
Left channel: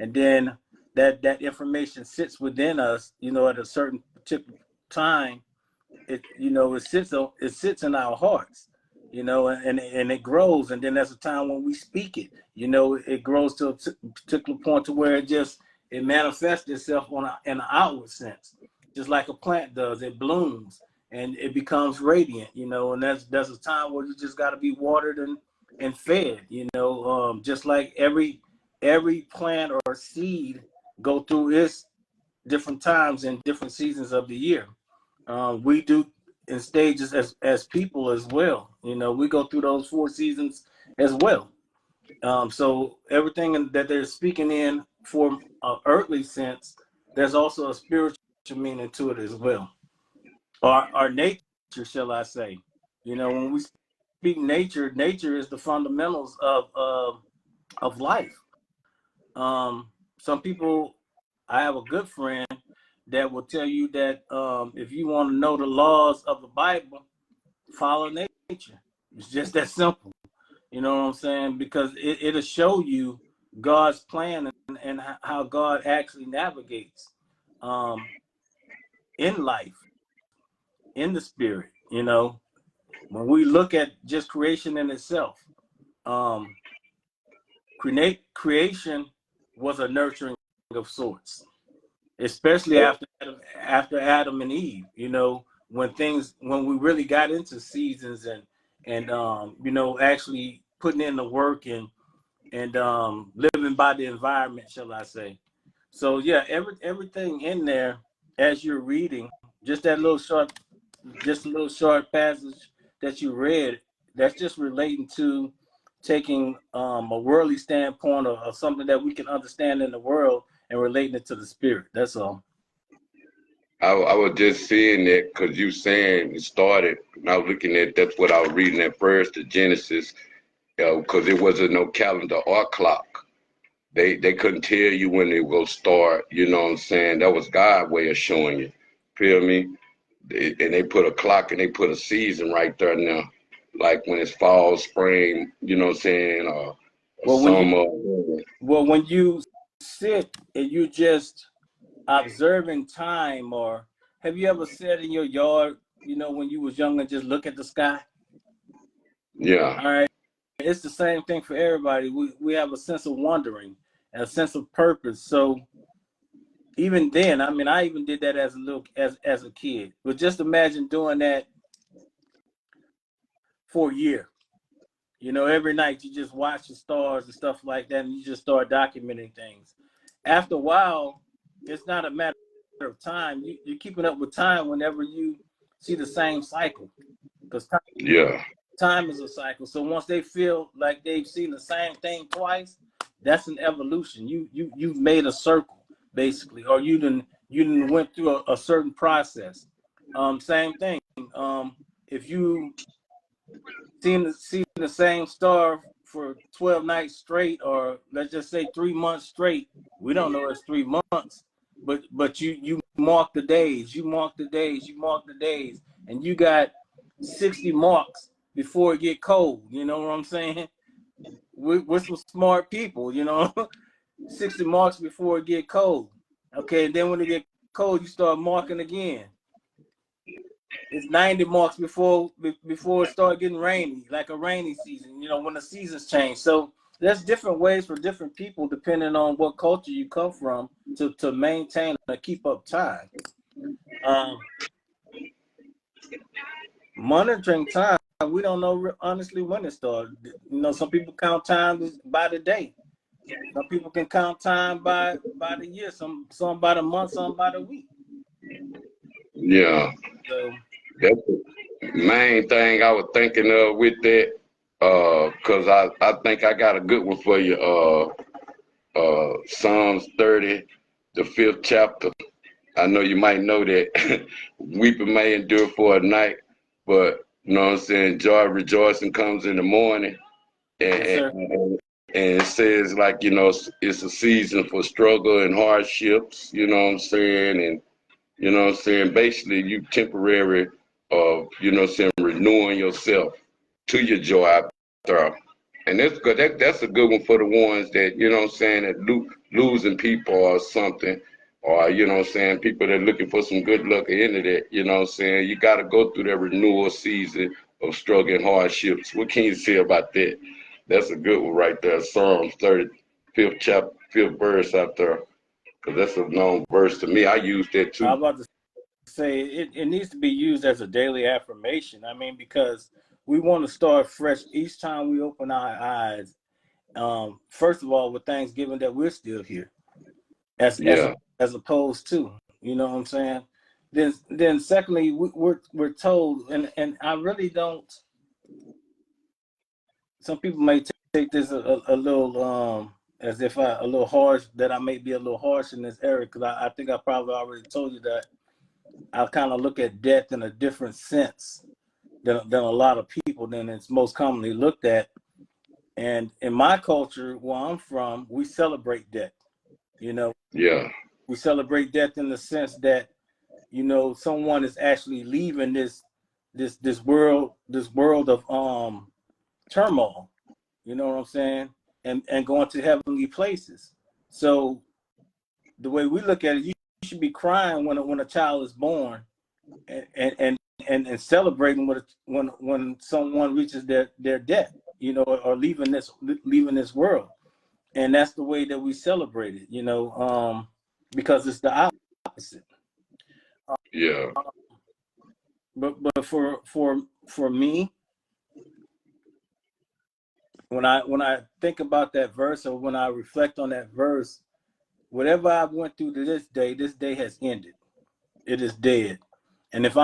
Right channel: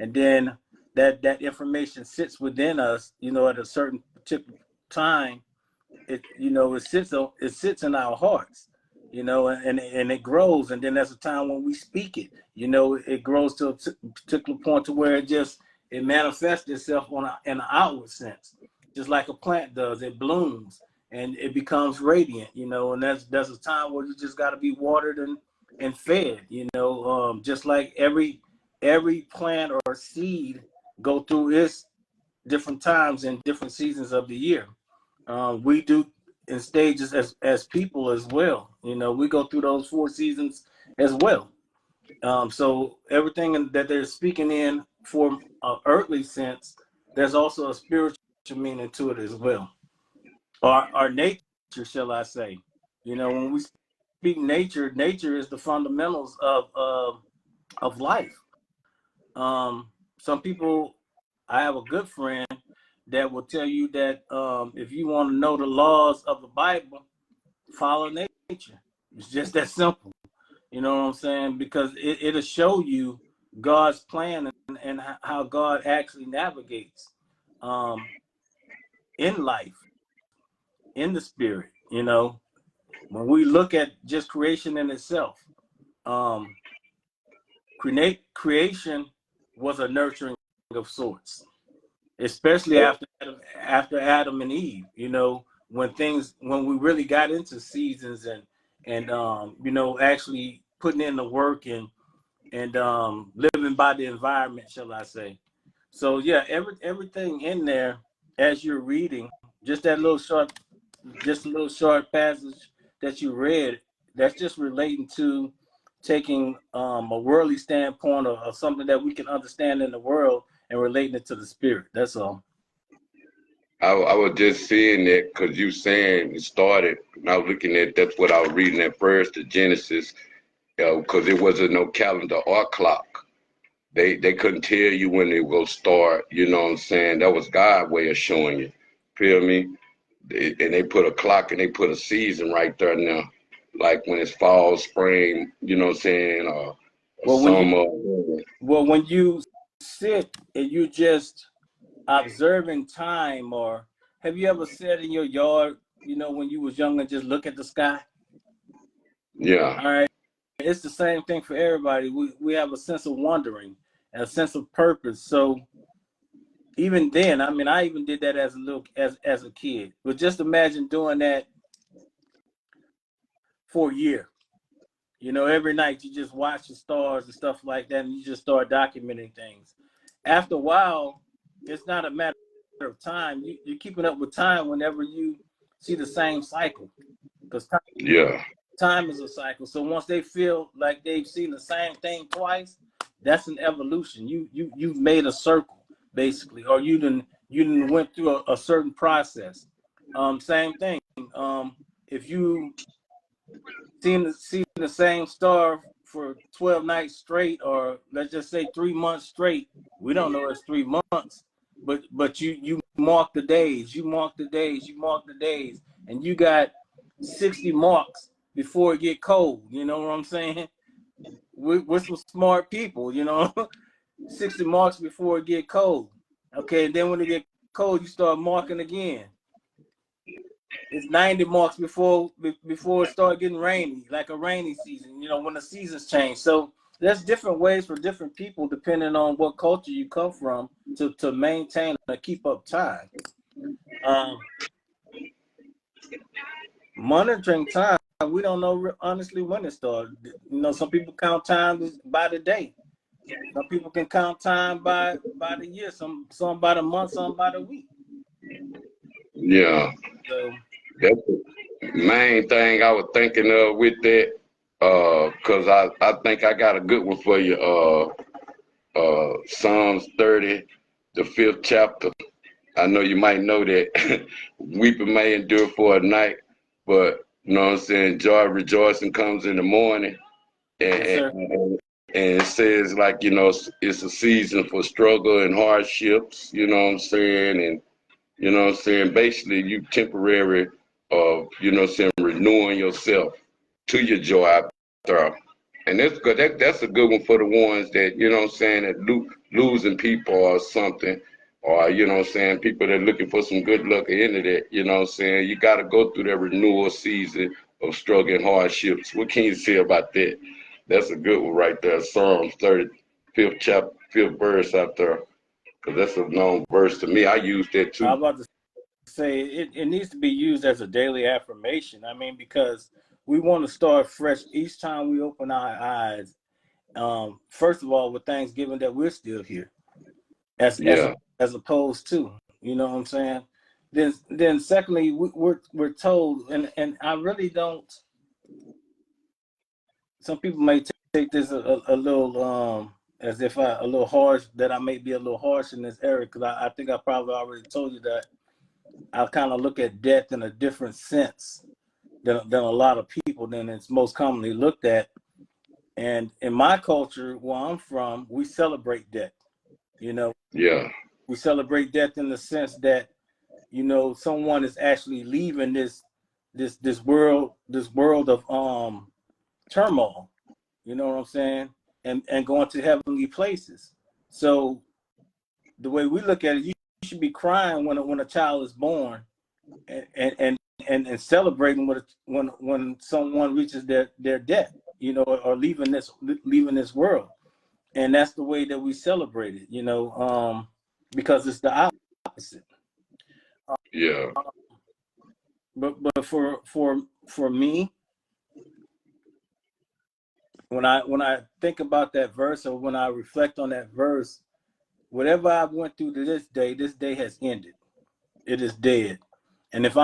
and then that information sits within us, you know, at a certain particular time, it, you know, it sits in our hearts, you know, and it grows, and then there's a time when we speak it, you know, it grows to a particular point to where it manifests itself in an outward sense, just like a plant does. It blooms and it becomes radiant, you know, and there's a time where you just got to be watered and fed, you know, just like every plant or seed go through its different times and different seasons of the year. We do in stages as people as well. You know, we go through those 4 seasons as well. So everything that they're speaking in for an earthly sense, there's also a spiritual meaning to it as well. Our nature, shall I say? You know, when we speak nature, nature is the fundamentals of life. Some people, I have a good friend that will tell you that if you want to know the laws of the Bible, follow nature. It's just that simple. You know what I'm saying? Because it'll show you God's plan and how God actually navigates in life, in the spirit. You know, when we look at just creation in itself, um, creation was a nurturing of sorts, especially after Adam and Eve. You know, when we really got into seasons and you know, actually putting in the work and living by the environment, shall I say? So yeah, everything in there as you're reading, just that little short, just a little short passage that you read, that's just relating to taking a worldly standpoint of something that we can understand in the world and relating it to the spirit. That's all. I was just seeing that because you saying it started, and I was looking at that's what I was reading at first, the Genesis, because there wasn't no calendar or clock. They couldn't tell you when they will start. You know what I'm saying? That was God's way of showing you. Feel me? And they put a clock and they put a season right there now, like when it's fall, spring. You know what I'm saying? Or Well, summer. when you sit and you just observing time, or have you ever sat in your yard, you know, when you was young and just look at the sky? Yeah. All right. It's the same thing for everybody. We have a sense of wondering and a sense of purpose. So even then, I mean, I even did that as a kid. But just imagine doing that for a year. You know, every night you just watch the stars and stuff like that, and you just start documenting things. After a while, it's not a matter of time. You're keeping up with time whenever you see the same cycle, because Yeah. time is a cycle. So once they feel like they've seen the same thing twice, that's an evolution. You've made a circle basically, or you done went through a certain process. Same thing. If you seen the same star for 12 nights straight, or let's just say 3 months straight, we don't know it's 3 months, but you mark the days, you mark the days, you mark the days, and you got 60 marks before it get cold. You know what I'm saying? We're some smart people, you know. 60 marks before it get cold. Okay, and then when it get cold, you start marking again. It's 90 marks before it start getting rainy, like a rainy season, you know, when the seasons change. So there's different ways for different people depending on what culture you come from to maintain or keep up time. Um, Monitoring time, we don't know honestly when it started. You know, some people count time by the day. Some people can count time by the year. Some by the month. Some by the week. Yeah. So That's the main thing I was thinking of with that. Cause I think I got a good one for you. Psalms 30, the 5th chapter. I know you might know that weeping may endure for a night, but you know what I'm saying, joy rejoicing comes in the morning. And, yes, sir. and, and it says like, you know, it's a season for struggle and hardships, you know what I'm saying? And you know what I'm saying, basically you temporary of, you know what I'm saying, renewing yourself to your joy after. And that's good. That's a good one for the ones that, you know what I'm saying, that losing people or something, or, you know what I'm saying, people that are looking for some good luck at the end of that, you know what I'm saying. You got to go through that renewal season of struggle and hardships. What can you say about that? That's a good one right there. Psalms 35th chapter, 5th verse out there, because that's a known verse to me. I use that I too. was about to say it needs to be used as a daily affirmation. I mean, because we want to start fresh each time we open our eyes. First of all, with Thanksgiving that we're still here, as as Yeah, as opposed to, you know what I'm saying. Then secondly, we're told, and I really don't. Some people may take this a little as if a little harsh, that I may be a little harsh in this area, because I think I probably already told you that I kind of look at death in a different sense than a lot of people than it's most commonly looked at. And in my culture, where I'm from, we celebrate death. You know, yeah, we celebrate death in the sense that, someone is actually leaving this world of turmoil. You know what I'm saying? And going to heavenly places. So the way we look at it, you should be crying when a child is born, and and celebrating when someone reaches their death, or leaving this world. And that's the way that we celebrate it, because it's the opposite. yeah, But for me, when I think about that verse, or when I reflect on that verse, whatever I went through to this day has ended. It is dead. And if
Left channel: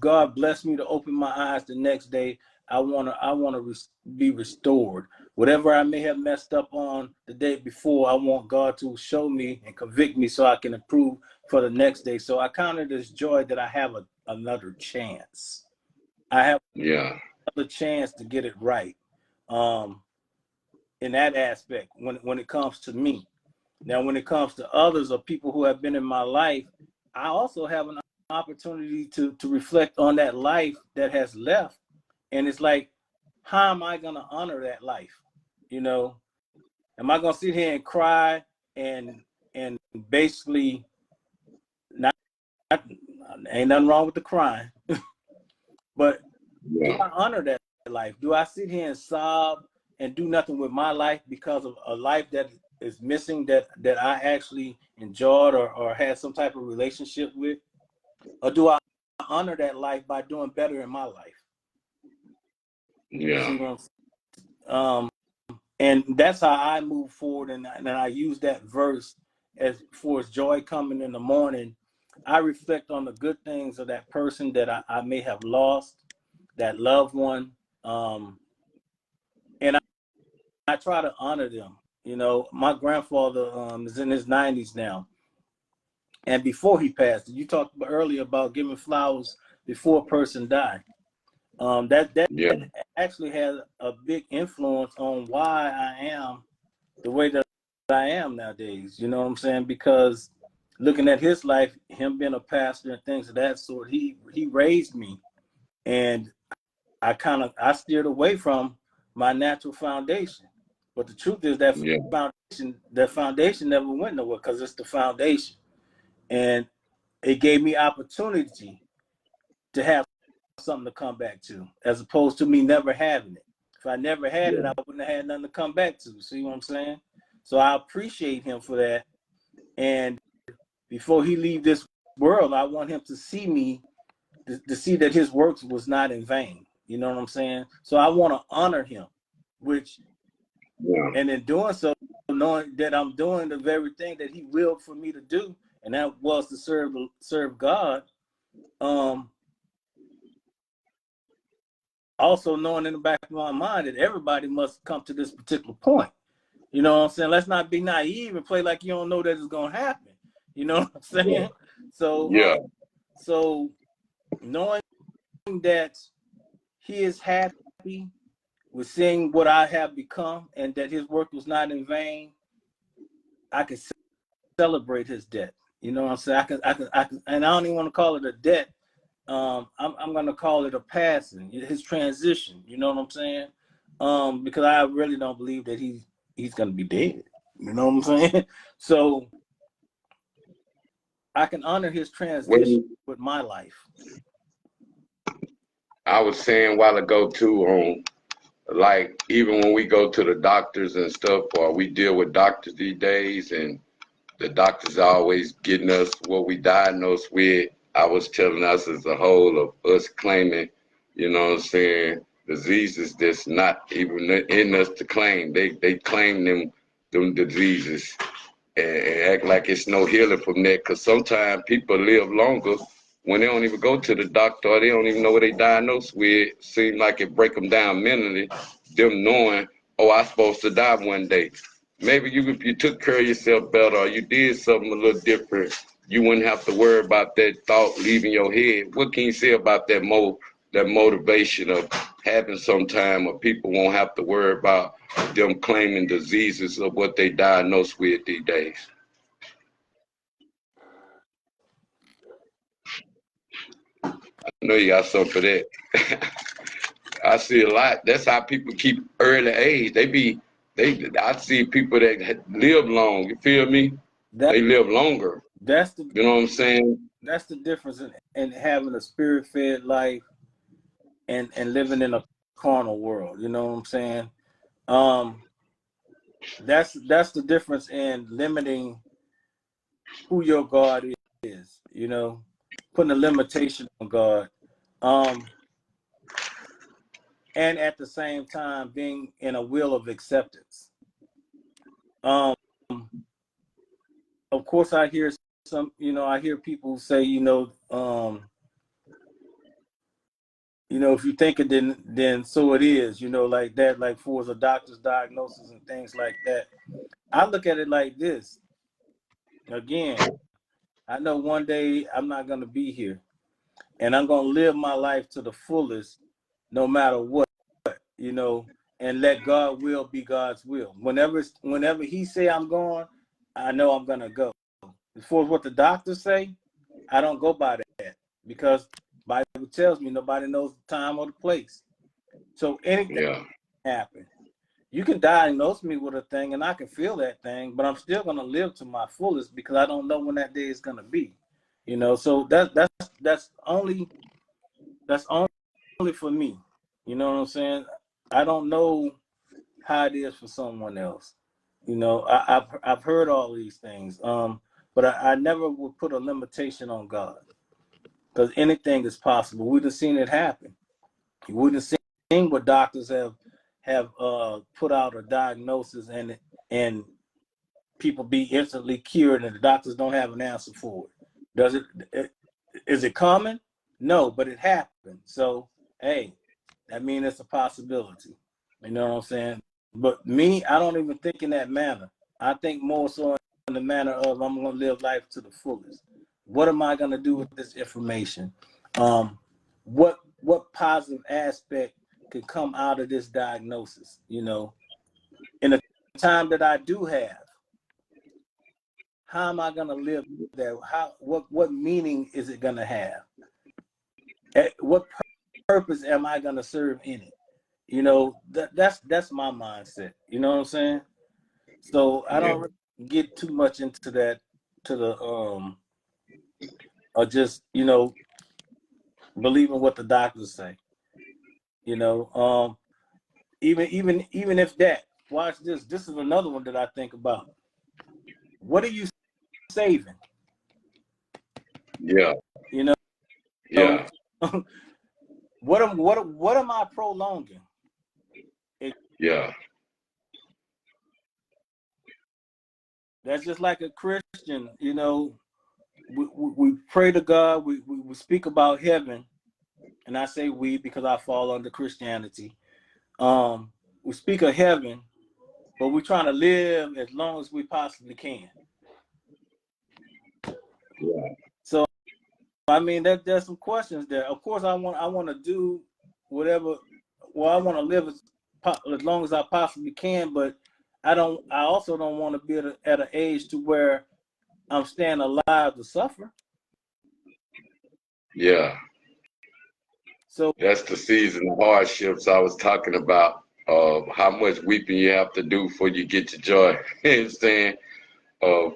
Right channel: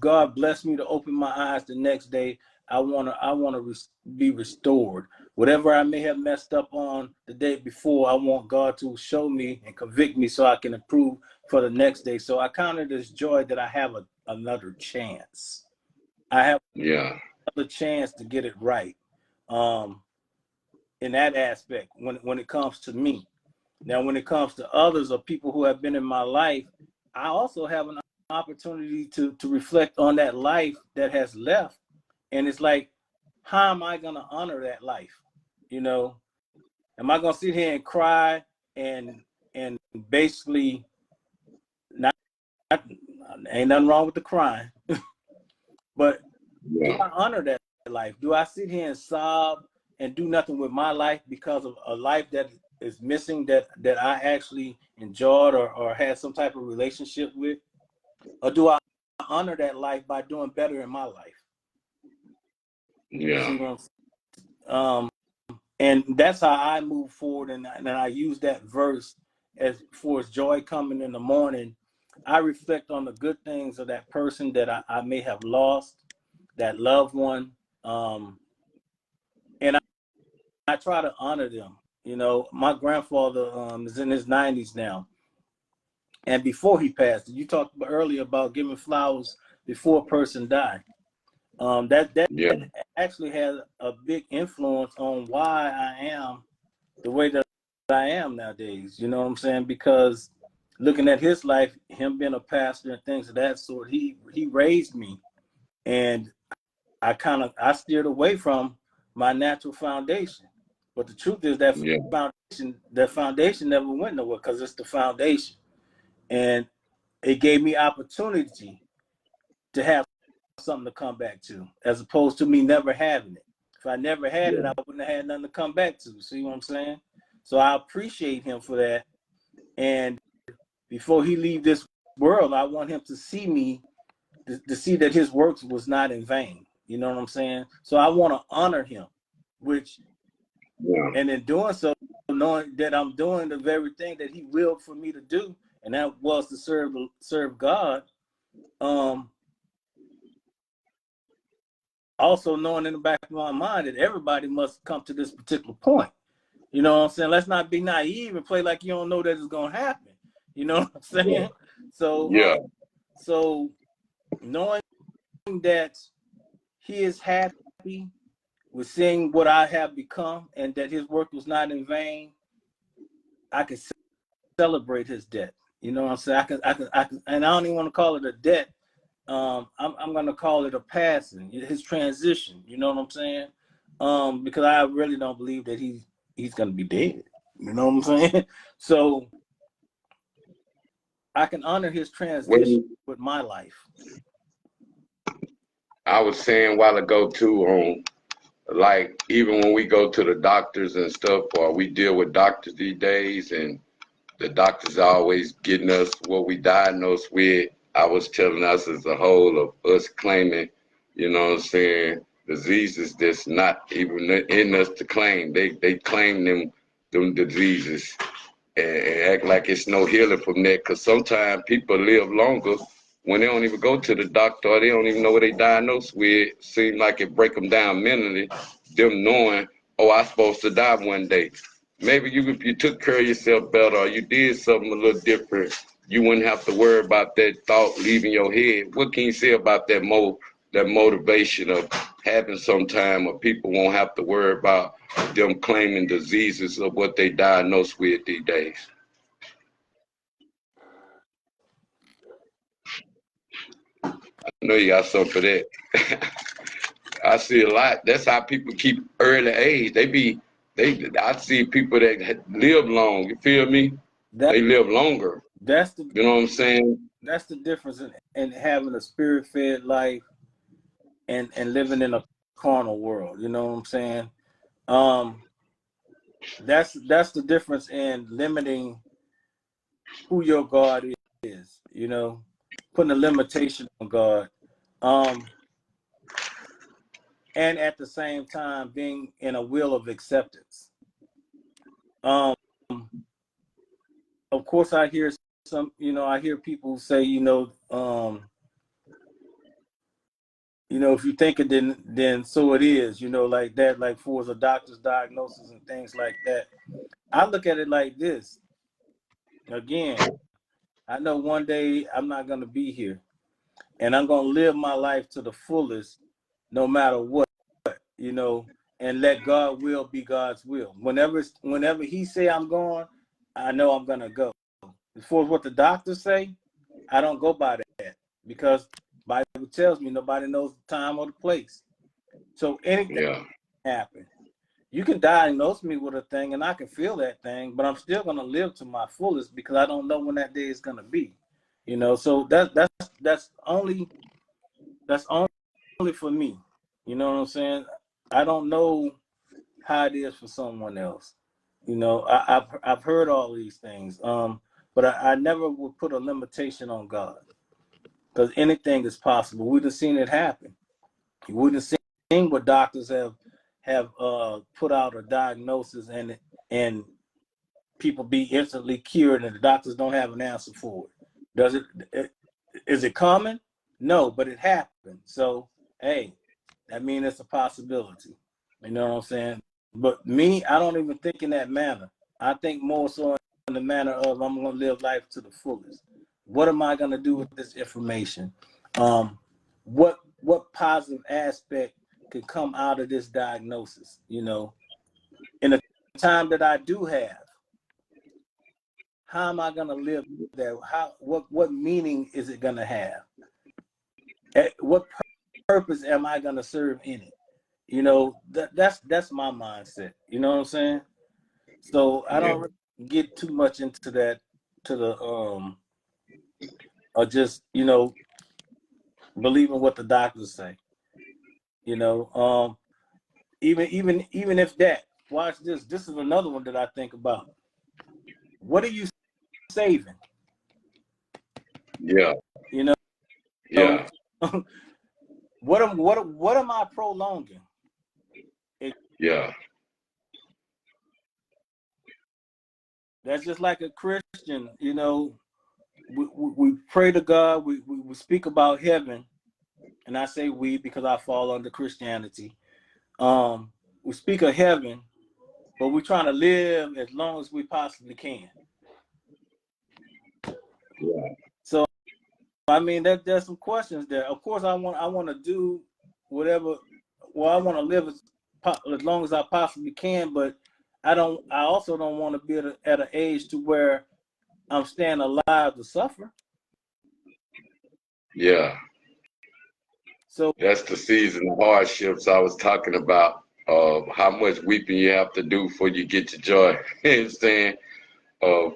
God bless me to open my eyes the next day, I wanna be restored. Whatever I may have messed up on the day before, I want God to show me and convict me so I can improve for the next day. So I count it as joy that I have another chance. I have yeah, another chance to get it right. Um, in that aspect, when it comes to me. Now, when it comes to others or people who have been in my life, I also have an opportunity to reflect on that life that has left. And it's like, how am I going to honor that life? You know, am I going to sit here and cry and basically not, ain't nothing wrong with the crying, but do yeah, I honor that life? Do I sit here and sob and do nothing with my life because of a life that is missing, that I actually enjoyed or had some type of relationship with? Or do I honor that life by doing better in my life? You yeah, see what I'm saying? And that's how I move forward. And I use that verse as for its joy coming in the morning. I reflect on the good things of that person that I may have lost, that loved one. And I try to honor them. My grandfather is in his 90s now. And before he passed, you talked earlier about giving flowers before a person died. That yeah, actually had a big influence on why I am the way that I am nowadays. You know what I'm saying? Because looking at his life, him being a pastor and things of that sort, he raised me, and I steered away from my natural foundation. But the truth is yeah, that foundation never went nowhere, because it's the foundation, and it gave me opportunity to have something to come back to, as opposed to me never having it. If I never had it, yeah, I wouldn't have had nothing to come back to. See what I'm saying? So I appreciate him for that. And before he leave this world, I want him to see me, to see that his works was not in vain. You know what I'm saying? So I want to honor him, which, yeah, and in doing so, knowing that I'm doing the very thing that he willed for me to do, and that was to serve God. Um, Also knowing in the back of my mind that everybody must come to this particular point. You know what I'm saying? Let's not be naive and play like you don't know that it's gonna happen. You know what I'm saying? So, yeah, so knowing that he is happy with seeing what I have become, and that his work was not in vain, I can celebrate his death. You know what I'm saying? I can, and I don't even want to call it a death. I'm going to call it a passing, his transition. You know what I'm saying? because I really don't believe that he's gonna be dead. You know what I'm saying? So I can honor his transition When with my life. I was saying a while ago too, on like even when we go to the doctors and stuff, or we deal with doctors these days, and the doctors are always getting us what we diagnosed with. I was telling us as a whole of us claiming, you know what I'm saying, diseases that's not even in us to claim. They claim them diseases and act like it's no healing from that. Because sometimes people live longer when they don't even go to the doctor or they don't even know what they diagnosed with. Seem like it break them down mentally, them knowing, oh, I'm supposed to die one day. Maybe if you took care of yourself better or you did something a little different, you wouldn't have to worry about that thought leaving your head. What can you say about that motivation of having some time where people won't have to worry about them claiming diseases of what they diagnosed with these days? I know you got something for that. I see a lot. That's how people keep early age. I see people that live long. You feel me? That They live longer. that's the You know what I'm saying? that's the difference in having a spirit fed life and living in a carnal world. You know what I'm saying? Um, that's the difference in limiting who your God is. You know, putting a limitation on God, um, and at the same time being in a will of acceptance. Um, of course, I hear some. You know, I hear people say, if you think it, then so it is. You know, like that, like for a doctor's diagnosis and things like that. I look at it like this. Again, I know one day I'm not going to be here, and I'm going to live my life to the fullest, no matter what. You know, and let God will be God's will. Whenever He say I'm going, I know I'm gonna go. As far as what the doctors say, I don't go by that because Bible tells me nobody knows the time or the place. So anything Yeah, can happen. You can diagnose me with a thing and I can feel that thing, but I'm still gonna live to my fullest because I don't know when that day is gonna be. You know, so that's only for me. You know what I'm saying? I don't know how it is for someone else. You know, I've heard all these things, but I never would put a limitation on God because anything is possible. We'd have seen it happen. You wouldn't have seen what doctors have put out a diagnosis and people be instantly cured and the doctors don't have an answer for it. Does is it common? No, but it happened. So hey, that means it's a possibility. You know what I'm saying? But me, I don't even think in that manner. I think more so in the manner of I'm going to live life to the fullest. What am I going to do with this information? What positive aspect could come out of this diagnosis? You know, in the time that I do have, how am I going to live there? What meaning is it going to have? What purpose am I going to serve in it? You know, that's my mindset. You know what I'm saying? So I yeah, don't really get too much into that to the or just, believing what the doctors say. You know, even if that, watch this. This is another one that I think about. What are you saving? yeah, You know, yeah, what am I prolonging? It, yeah, that's just like a Christian. You know, we pray to God. We speak about heaven, and I say we because I fall under Christianity. We speak of heaven, but we're trying to live as long as we possibly can. yeah, So I mean, there's some questions there. Of course, I want to do whatever. Well, I want to live as long as I possibly can, but I don't. I also don't want to be at an age to where I'm staying alive to suffer. yeah. So That's the season of hardships I was talking about. of how much weeping you have to do before you get your joy. You know what I'm saying? Of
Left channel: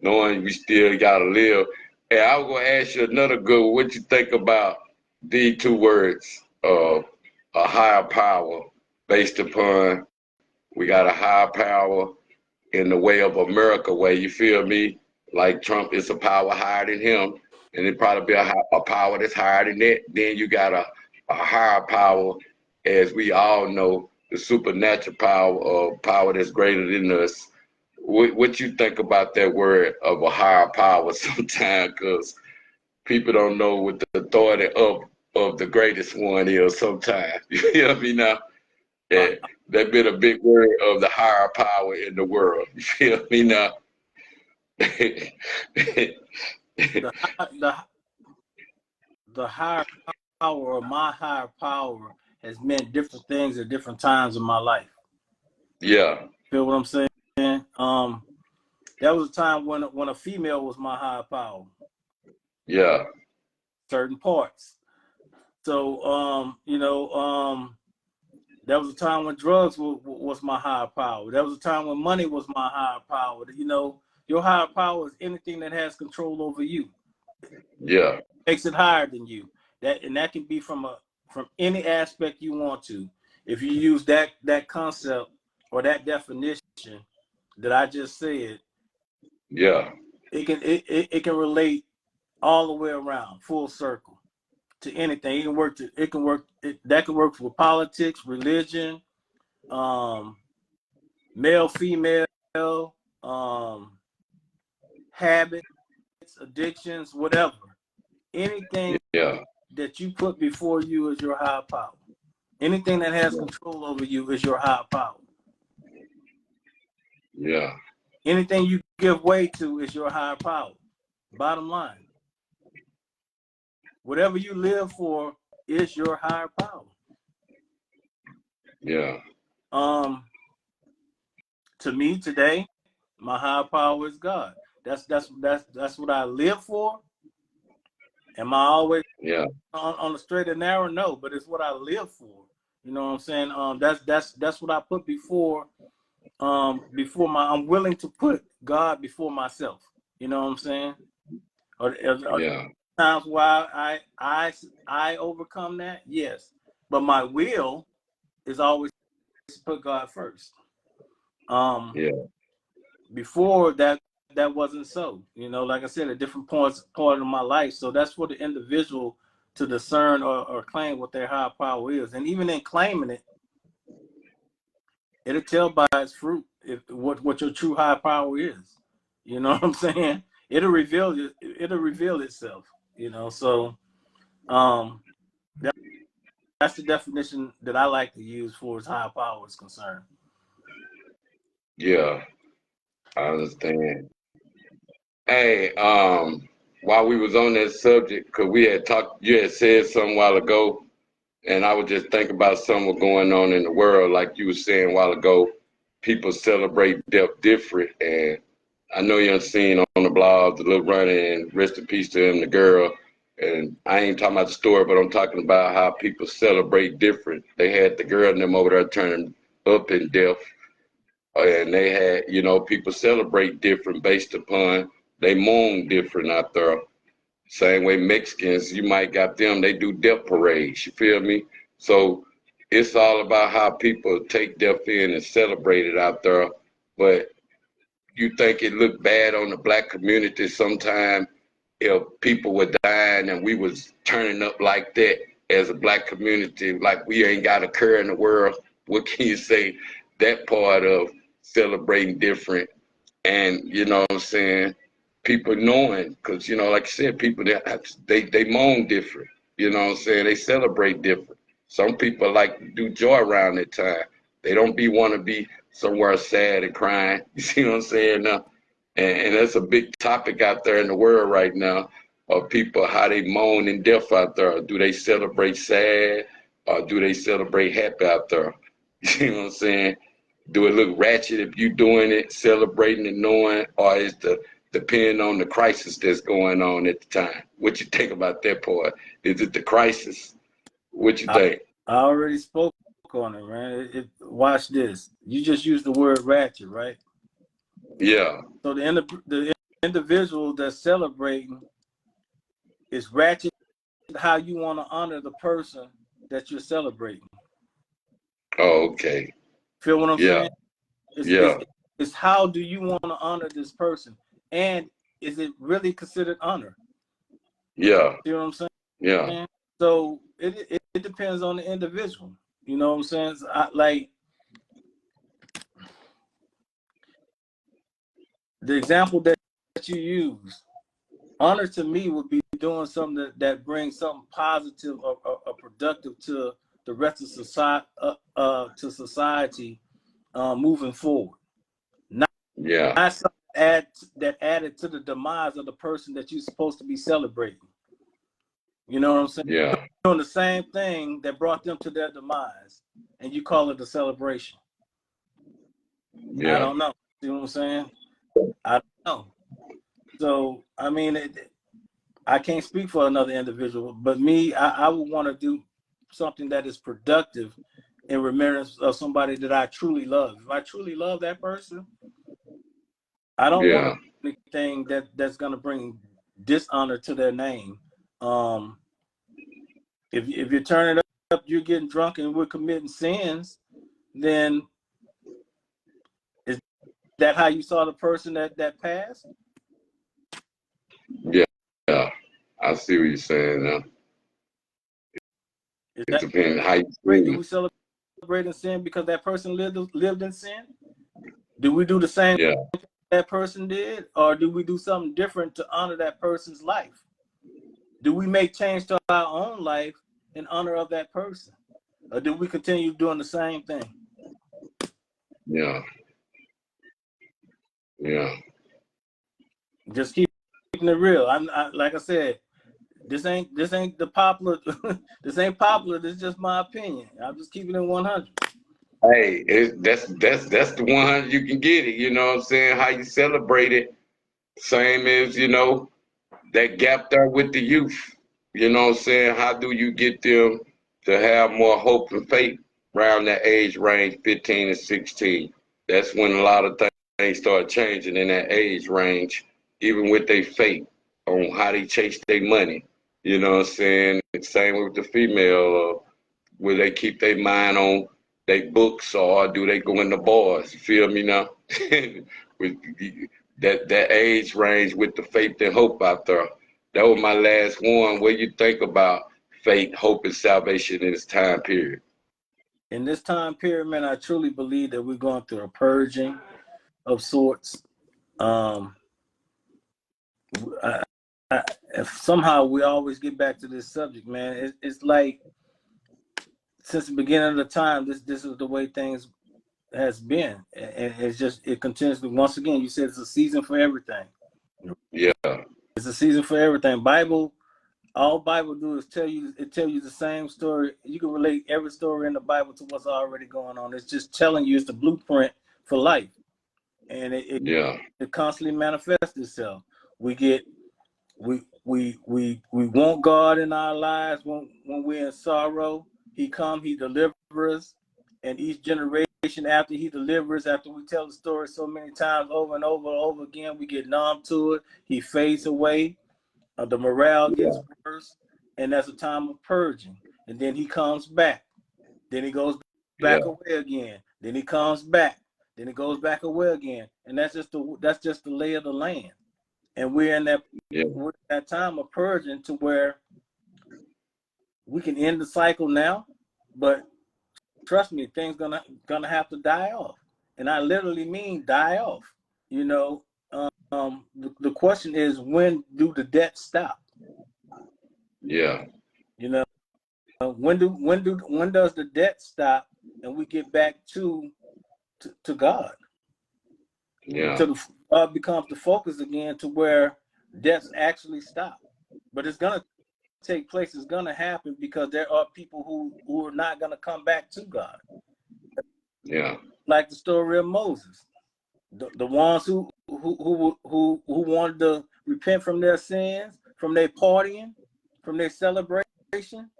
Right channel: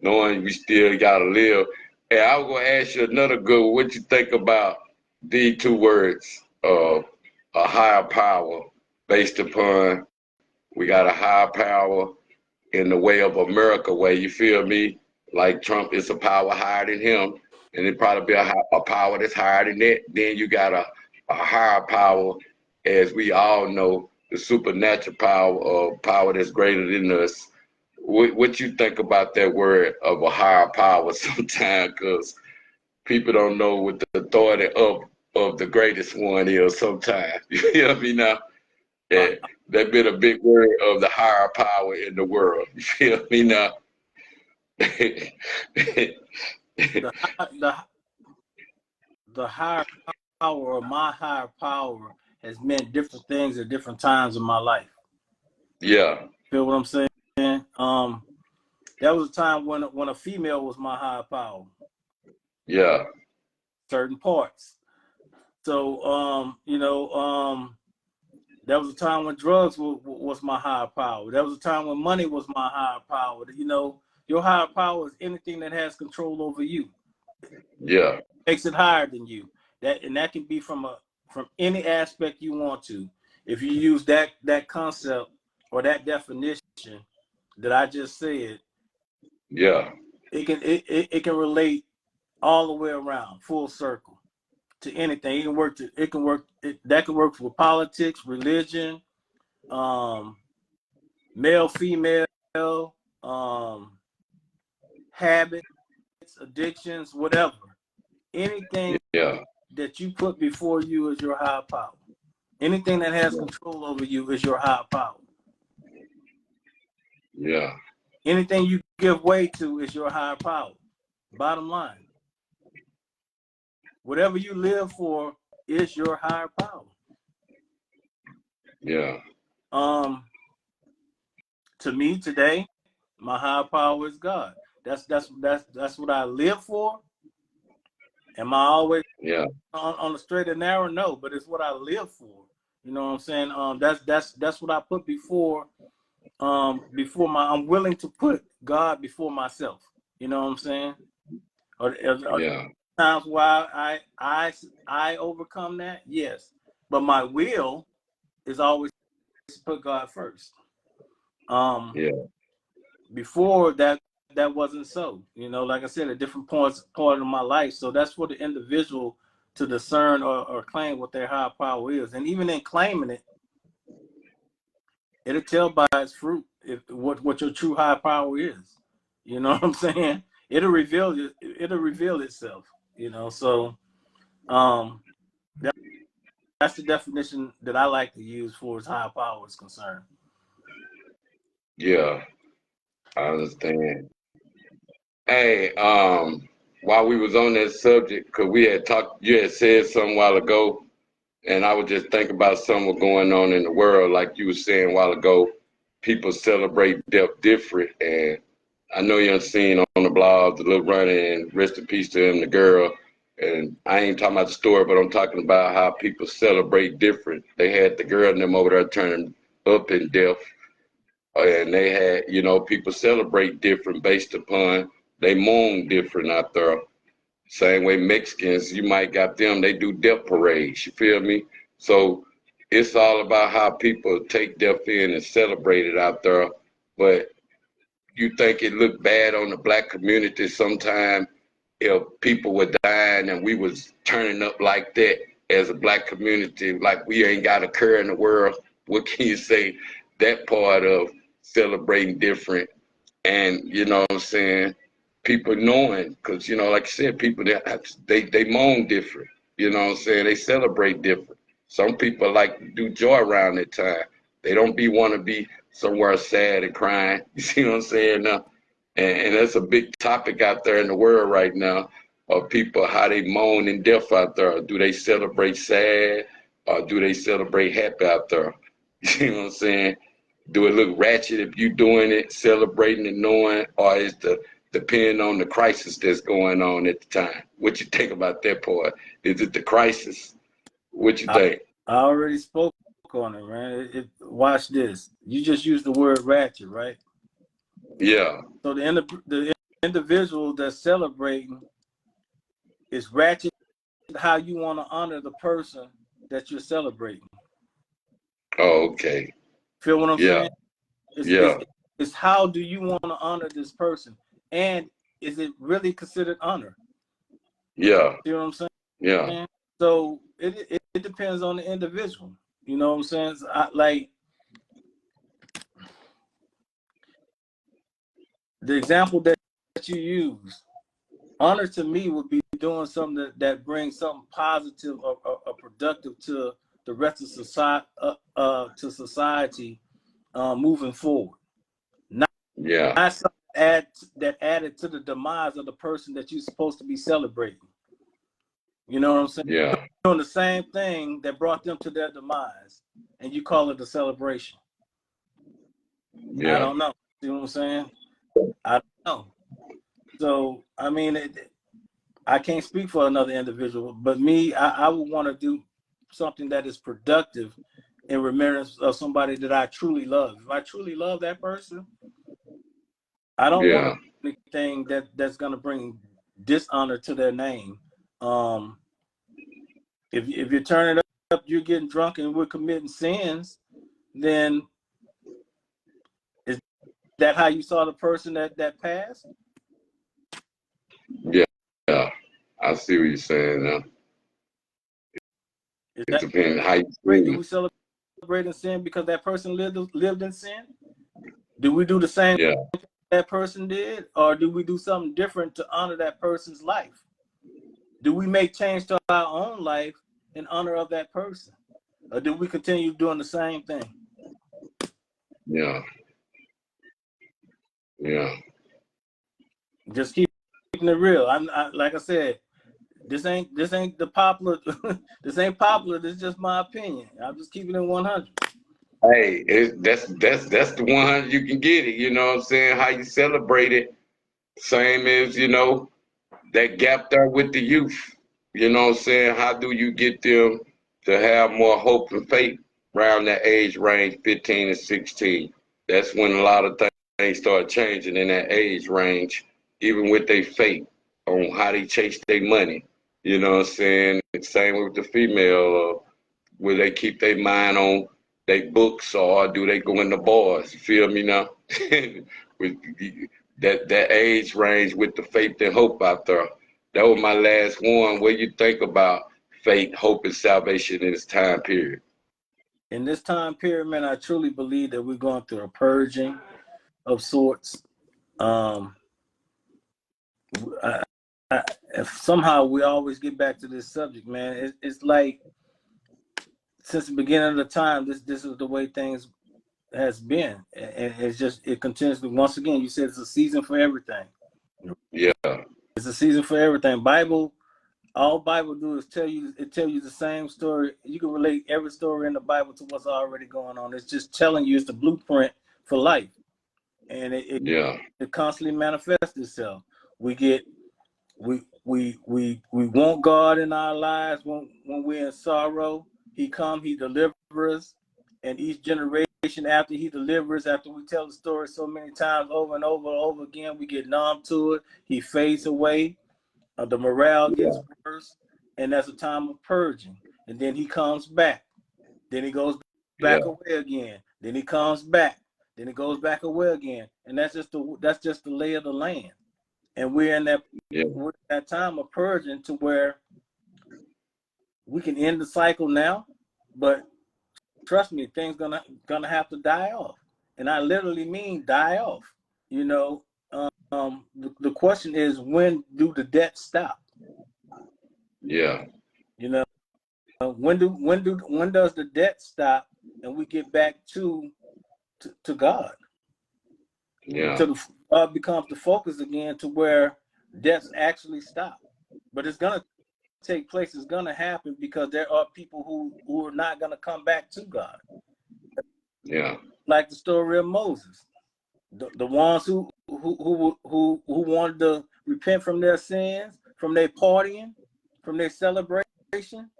knowing we still gotta live. And I was gonna ask you another good one. What you think about these two words, a higher power, based upon we got a higher power in the way of America, where you feel me, like Trump is a power higher than him, and it probably be a power that's higher than that. Then you got a higher power, as we all know, the supernatural power, or power that's greater than us. What you think about that word of a higher power sometimes? Because people don't know what the authority of the greatest one is sometimes. You feel me now? Uh, Yeah, that been a big word of the higher power in the world. You feel me now? the the the higher power, or my higher power, has meant different things at different times in my life. Yeah, Feel what I'm saying? There was a time when a female was my higher power, yeah, certain parts. So there was a time when drugs was my higher power. There was a time when money was my higher power. Your higher power is anything that has control over you. yeah, Makes it higher than you. That can be from any aspect you want to. If you use that concept or that definition that I just said, yeah, it can relate all the way around, full circle, to anything. That can work for politics, religion, male, female, habits, addictions, whatever. Anything yeah, that you put before you is your higher power. Anything that has control over you is your higher power. yeah, Anything you give way to is your higher power. Bottom line. Whatever you live for is your higher power. yeah, To me today, my higher power is God. That's what I live for. Am I always yeah, on the straight and narrow? No, but it's what I live for. You know what I'm saying? That's what I put before I'm willing to put God before myself. You know what I'm saying? Are yeah, times why I overcome that? Yes. But my will is always to put God first. yeah, Before that wasn't so. Like I said, at different part of my life. So that's for the individual to discern or claim what their higher power is. And even in claiming it, it'll tell by its fruit what your true high power is. You know what I'm saying? It'll reveal itself. So that's the definition that I like to use for as high power is concerned. yeah. I understand. Hey, while we was on that subject, cause we had talked, you had said something a while ago, and I was just thinking about something going on in the world, like you were saying a while ago. People celebrate death different, and I know you done seen on the blog the little runner, and rest in peace to him, the girl. And I ain't talking about the story, but I'm talking about how people celebrate different. They had the girl and them over there turning up in death, and they had, people celebrate different based upon they mourn different out there. Same way Mexicans, you might got them, they do death parades, you feel me? So it's all about how people take death in and celebrate it out there. But you think it looked bad on the black community sometime if people were dying and we was turning up like that as a black community, like we ain't got a care in the world. What can you say that part of celebrating different and you know what I'm saying, people knowing, because like I said, people they moan different, you know what I'm saying, they celebrate different. Some people like to do joy around that time. They don't want to be somewhere sad and crying. You see what I'm saying now? And that's a big topic out there in the world right now of people, how they moan in death out there. Do they celebrate sad or do they celebrate happy out there? You know what I'm saying? Do it look ratchet if you doing it, celebrating and knowing, or is the depending on the crisis that's going on at the time? What you think about that part? Is it the crisis? What you I, think? I already spoke on it, man. Watch this. You just used the word ratchet, right? Yeah. So the individual that's celebrating is ratchet how you want to honor the person that you're celebrating. Oh, okay. Feel what I'm Yeah. saying? Yeah. It's how do you want to honor this person? And is it really considered honor? Yeah. See what I'm saying? Yeah. So it depends on the individual. You know what I'm saying? So like the example that you use, honor to me would be doing something that brings something positive or productive to the rest of society moving forward. Yeah. Not something that added to the demise of the person that you're supposed to be celebrating. You know what I'm saying? Yeah. Doing the same thing that brought them to their demise, and you call it a celebration. I Yeah. don't know. See what I'm saying? I don't know. So I mean, I can't speak for another individual, but me, I would want to do something that is productive in remembrance of somebody that I truly love. If I truly love that person, I don't want to Yeah. do anything that's going to bring dishonor to their name. If you turn it up, you're getting drunk and we're committing sins, then is that how you saw the person that passed? Yeah. Yeah. I see what you're saying now. Is It that depends how you great? Do see. we celebrate in sin because that person lived in sin? Do we do the same Yeah. that person did, or do we do something different to honor that person's life? Do we make change to our own life in honor of that person, or do we continue doing the same thing? Yeah. Yeah. Just keeping it real. Like I said, this ain't the popular. This ain't popular. This is just my opinion. I'm just keeping it 100. Hey, that's the one you can get it. You know what I'm saying? How you celebrate it, same as that gap there with the youth. You know what I'm saying? How do you get them to have more hope and faith around that age range, 15 and 16? That's when a lot of things start changing in that age range, even with their faith on how they chase their money. You know what I'm saying? Same with the female, where they keep their mind on their books, or do they go in the bars? You feel me now? With that age range with the faith and hope out there. That was my last one. What you think about faith, hope, and salvation in this time period? In this time period, man, I truly believe that we're going through a purging of sorts. Um, I, if somehow we always get back to this subject, man. It's like since the beginning of the time, this is the way things has been, and it continues to. Once again, you said it's a season for everything. Yeah, It's a season for everything. All Bible do is tell you the same story. You can relate every story in the Bible to what's already going on. It's just telling you it's the blueprint for life, and yeah, it constantly manifests itself. We get we want God in our lives when we're in sorrow. He delivers us, and each generation after he delivers, after we tell the story so many times over and over and over again, we get numb to it. He fades away. The morale gets yeah, worse, and that's a time of purging. And then he comes back. Then he goes yeah, back away again. Then he comes back. Then he goes back away again. And that's just the lay of the land. And yeah, we're in that time of purging to where we can end the cycle now, but trust me, things gonna have to die off. And I literally mean die off. You know, the question is, when do the debts stop? yeah, You know, when does the debt stop and we get back to God? yeah, Until God becomes the focus again, to where debts actually stop. But it's gonna take place. It's gonna happen because there are people who are not gonna come back to God. yeah, Like the story of Moses, the ones who wanted to repent from their sins, from their partying, from their celebration.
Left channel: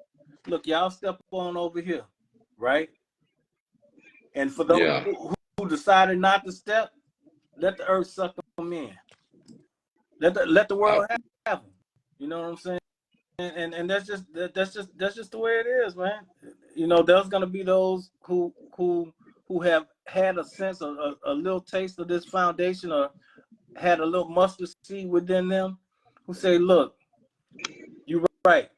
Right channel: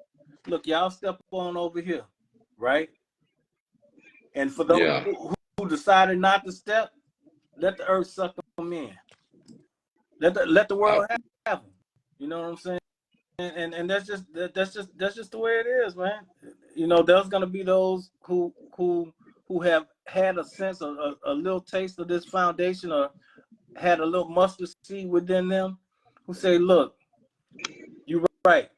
Look, y'all step on over here, right? And for those Yeah. who decided not to step, let the earth suck them in. Let the world have them. You know what I'm saying? And that's just the way it is, man. You know, there's gonna be those who have had a sense of a little taste of this foundation, or had a little mustard seed within them, who say, "Look, you're right.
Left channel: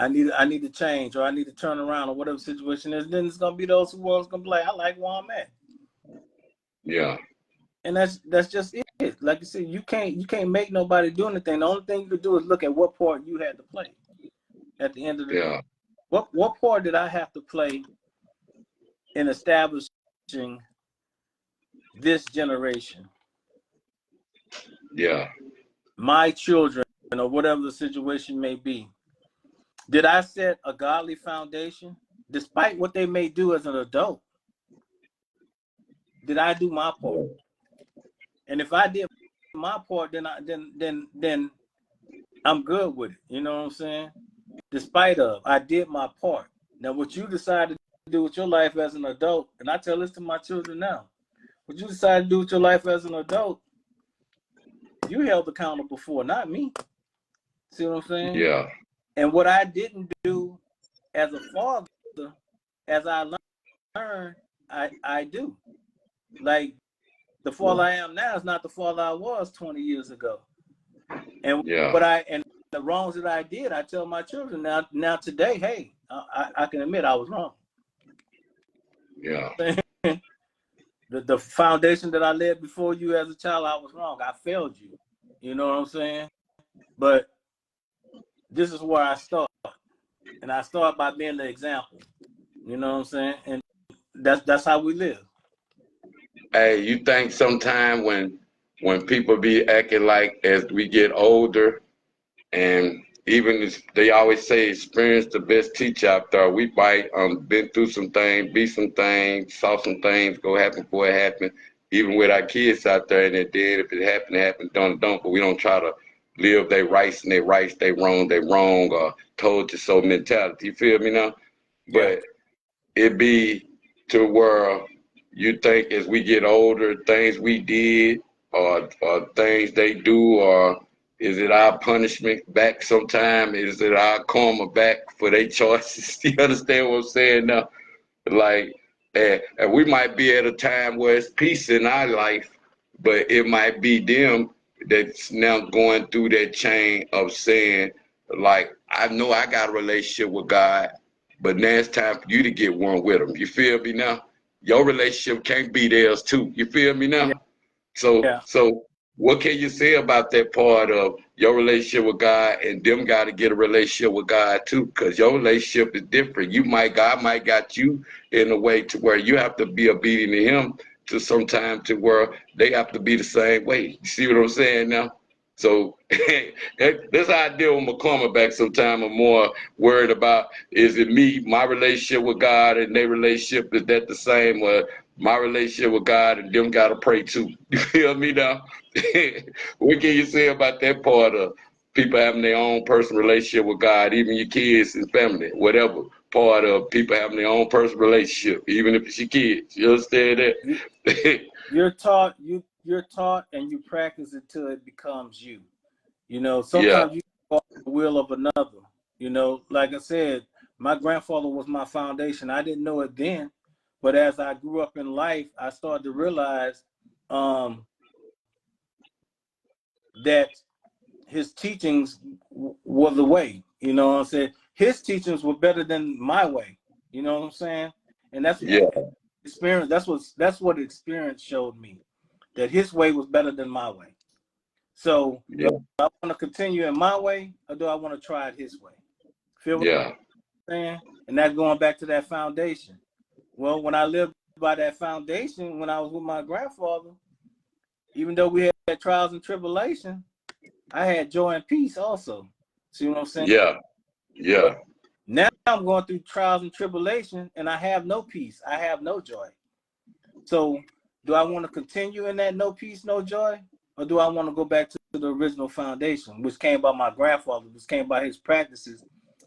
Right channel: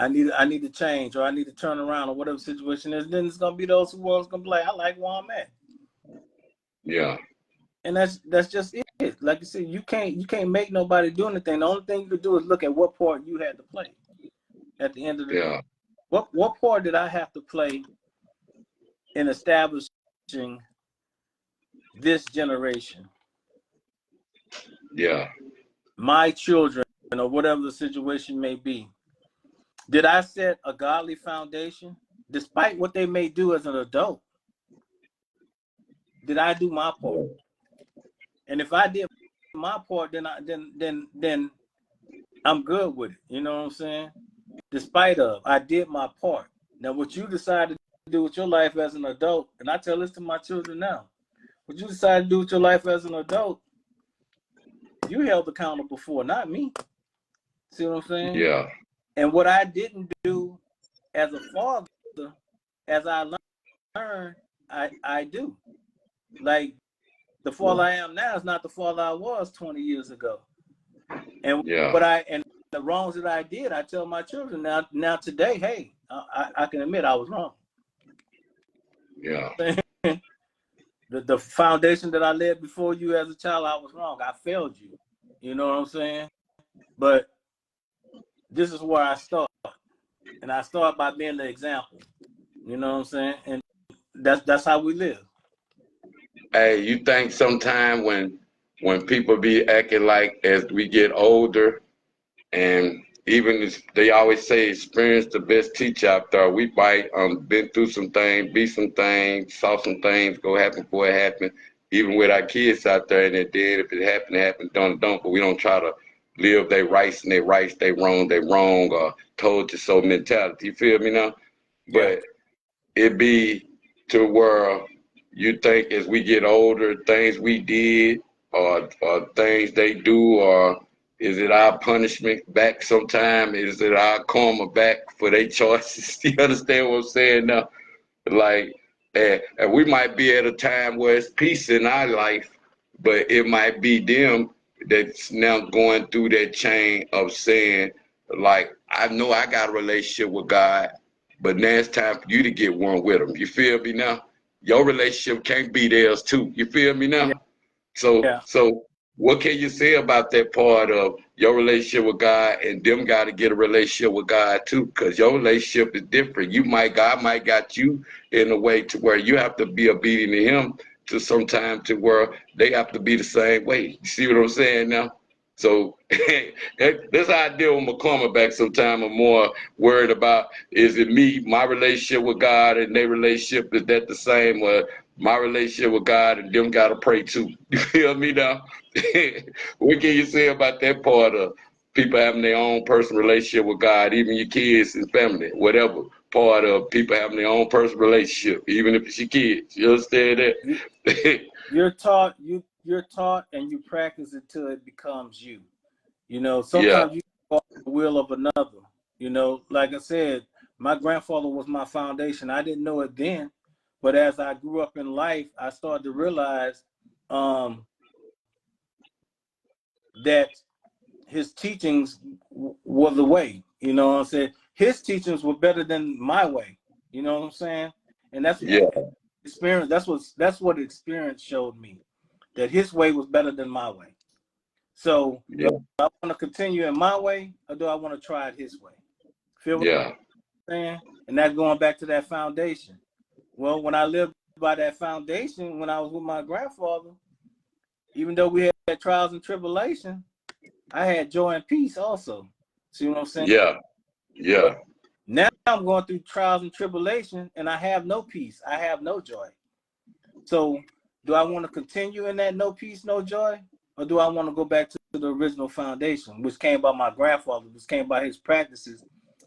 I need to change, or I need to turn around, or whatever situation is." Then it's gonna be those who are gonna be like, "I like where I'm at." Yeah. And that's just it. Like you said, you can't make nobody do anything. The only thing you can do is look at what part you had to play. At the end of the Yeah. what part did I have to play in establishing this generation, Yeah. my children, or whatever the situation may be? Did I set a godly foundation, despite what they may do as an adult? Did I do my part? And if I did my part, then I'm good with it. You know what I'm saying? Despite of, I did my part. Now, what you decide to do with your life as an adult, and I tell this to my children now, what you decide to do with your life as an adult, you held accountable for, not me. See what I'm saying? Yeah. And what I didn't do as a father, as I learned, I do. Like, the father I am now is not the father I was 20 years ago. And Yeah. and the wrongs that I did, I tell my children now today, hey, I can admit I was wrong. Yeah. The foundation that I laid before you as a child, I was wrong. I failed you. You know what I'm saying? But this is where I start. And I start by being the example. You know what I'm saying? And that's how we live. Hey, you think sometime when people be acting like as we get older, and even they always say experience the best teacher out there. We might been through some things, be some things, saw some things go happen before it happened. Even with our kids out there, and it did. If it happened, it happened. Don't. But we don't try to live they rights and they rights, they wrong, or told you so mentality. You feel me now? Yeah. But it be to where you think as we get older, things we did or things they do, or is it our punishment back sometime? Is it our karma back for their choices? You understand what I'm saying now? Like, and we might be at a time where it's peace in our life, but it might be them that's now going through that chain of saying, like, I know I got a relationship with God, but now it's time for you to get one with him. You feel me now? Your relationship can't be theirs too. You feel me Yeah. now? So what can you say about that part of your relationship with God and them got to get a relationship with God too? Because your relationship is different. God might got you in a way to where you have to be obedient to him to sometime to where they have to be the same way. You see what I'm saying now? So that's how I deal with my karma back sometime. I'm more worried about, is it me, my relationship with God and their relationship, is that the same? Or my relationship with God and them gotta pray too. You feel me now? What can you say about that part of people having their own personal relationship with God, even your kids and family, whatever part of people having their own personal relationship, even if it's your kids. You understand that? You're taught and you practice it till it becomes you. You know, Yeah, sometimes you follow the will of another. You know, like I said, my grandfather was my foundation. I didn't know it then, but as I grew up in life, I started to realize that his teachings were the way. You know what I'm saying? His teachings were better than my way. You know what I'm saying? And that's yeah, experience. That's what experience showed me, that his way was better than my way. So do yeah, I want to continue in my way, or do I want to try it his way? Feel what yeah, I'm saying? And that's going back to that foundation. Well, when I lived by that foundation, when I was with my grandfather, even though we had trials and tribulation, I had joy and peace also. See what I'm saying? yeah, yeah, But now I'm going through trials and tribulation, and I have no peace. I have no joy. So do I want to continue in that no peace, no joy? Or do I want to go back to the original foundation, which came by my grandfather, which came by his practices,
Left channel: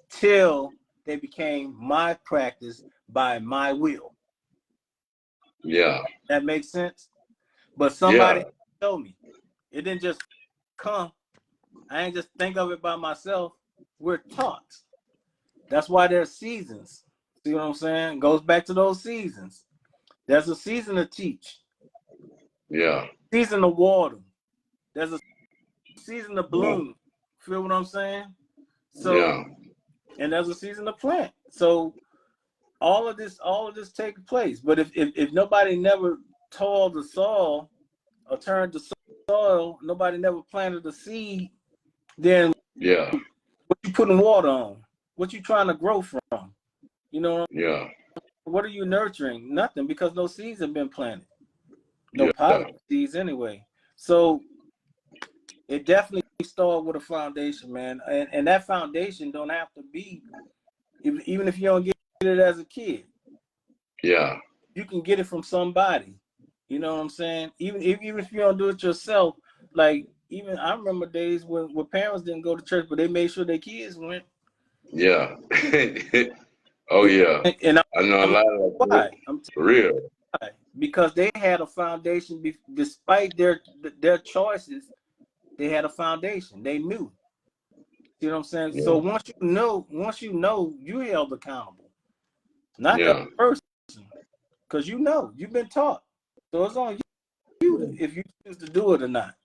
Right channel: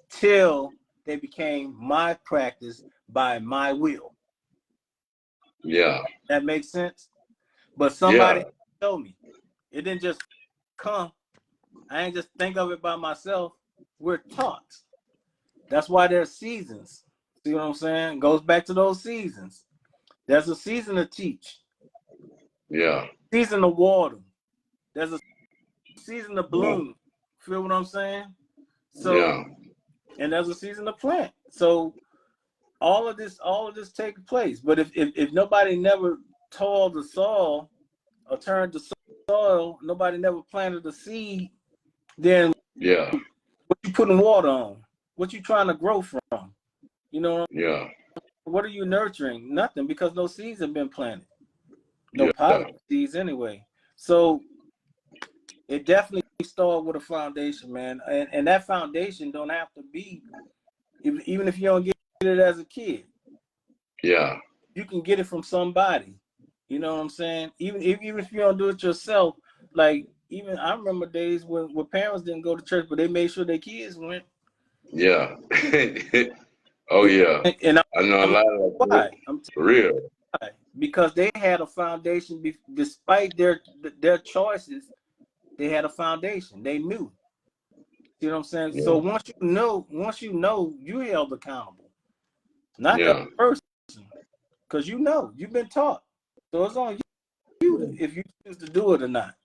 till they became my practice by my will? Yeah. That makes sense. But Yeah. somebody told me. It didn't just come. I ain't just think of it by myself. We're taught. That's why there's seasons. See what I'm saying? Goes back to those seasons. There's a season to teach. Yeah. Season to water. There's a season to bloom. Feel what I'm saying? So, Yeah. and there's a season to plant. So all of this takes place. But if nobody never toiled the soil or turned the soil, nobody never planted the seed, then Yeah. what you putting water on? What you trying to grow from? You know, Yeah. what are you nurturing? Nothing, because no seeds have been planted. No Yeah. positive seeds anyway. So it definitely started with a foundation, man. And that foundation don't have to be, even if you don't get it as a kid, Yeah. you can get it from somebody. You know what I'm saying? Even if you don't do it yourself, like even I remember days when parents didn't go to church, but they made sure their kids went. Yeah. Oh yeah. And I know a I'm lot of why? that. For real. Why? Because they had a foundation. Despite their choices, they had a foundation. They knew. You know what I'm saying? So Yeah. once you know, you held accountable, not the Yeah. person, because you've been taught. So it's on you if you choose to do it or not.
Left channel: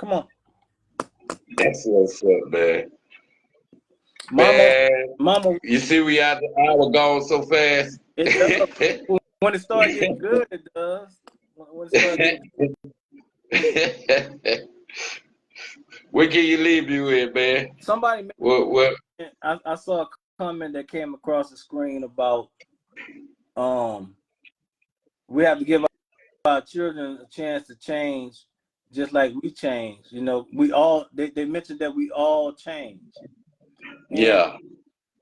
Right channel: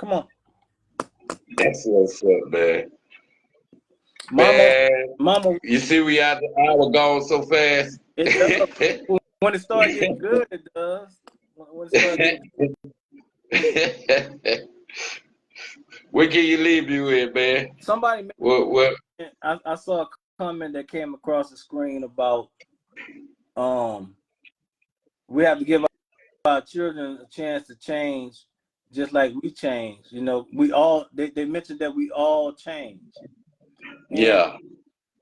Come on, That's what's up, man. mama, Man, mama. you see we out the hour gone so fast. It does. When it starts getting good, it does. When it starts getting Where can you leave you with, man? somebody, What? I saw a comment that came across the screen about we have to give our children a chance to change, just like we change. You know, they mentioned that we all change, and Yeah.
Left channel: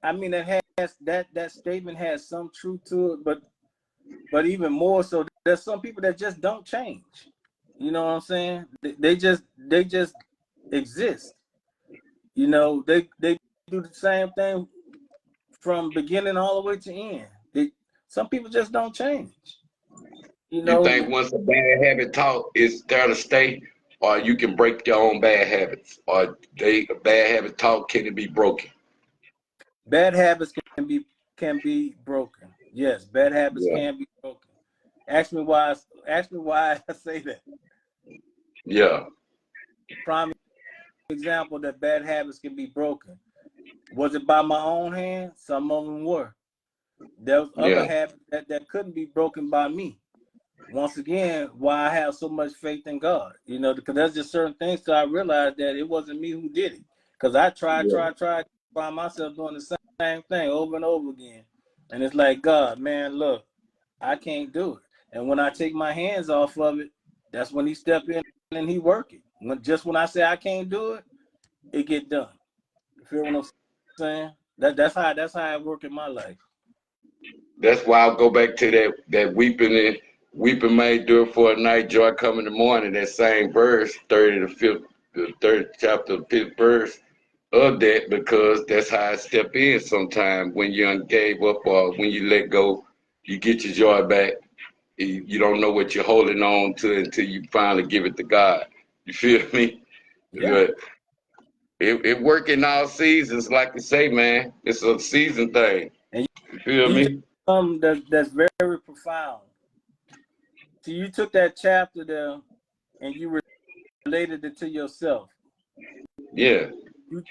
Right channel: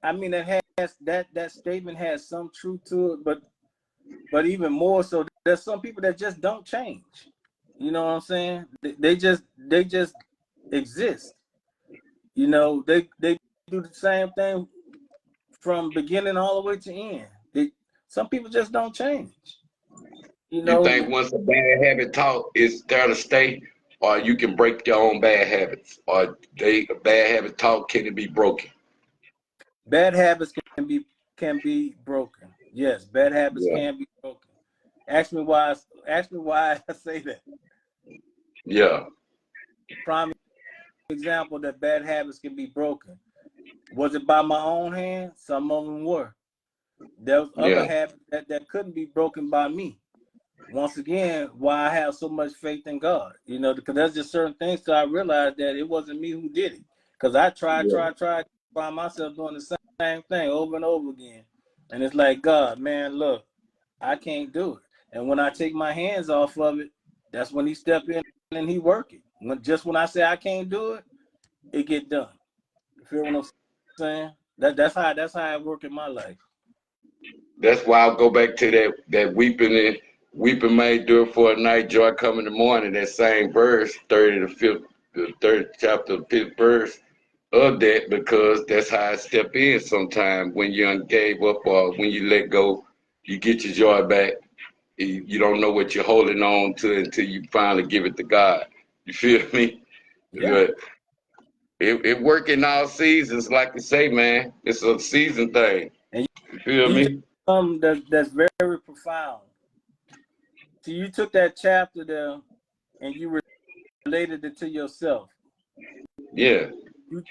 I mean that statement has some truth to it, but even more so, there's some people that just don't change. You know what I'm saying? They just exist. You know, they do the same thing from beginning all the way to end. Some people just don't change. You You know, think once a bad habit taught is there to stay, or you can break your own bad habits, or a bad habit taught can it be broken? bad habits can be broken. Yes, bad habits Yeah. can be broken. Ask me why. Ask me why I say that. Yeah. Prime example that bad habits can be broken. Was it by my own hand? Some of them were. There was other Yeah. habits that couldn't be broken by me. Once again, why I have so much faith in God, you know, because there's just certain things that I realized that it wasn't me who did it. Because I tried, Yeah. find myself doing the same thing over and over again. And it's like, God, man, look, I can't do it. And when I take my hands off of it, that's when he step in and he work it. Just when I say I can't do it, it get done. You feel what I'm saying? That's how I work in my life. That's why I'll go back to that weeping may endure for a night, joy come in the morning. That same verse, 30th chapter, 5th verse of that, because that's how I step in sometimes when you gave up or when you let go, you get your joy back. You don't know what you're holding on to until you finally give it to God. You feel me? Yeah. But it work in all seasons, like you say, man. It's a season thing. And You feel you just me? something that's very profound. So you took that chapter there and you related it to yourself. Yeah.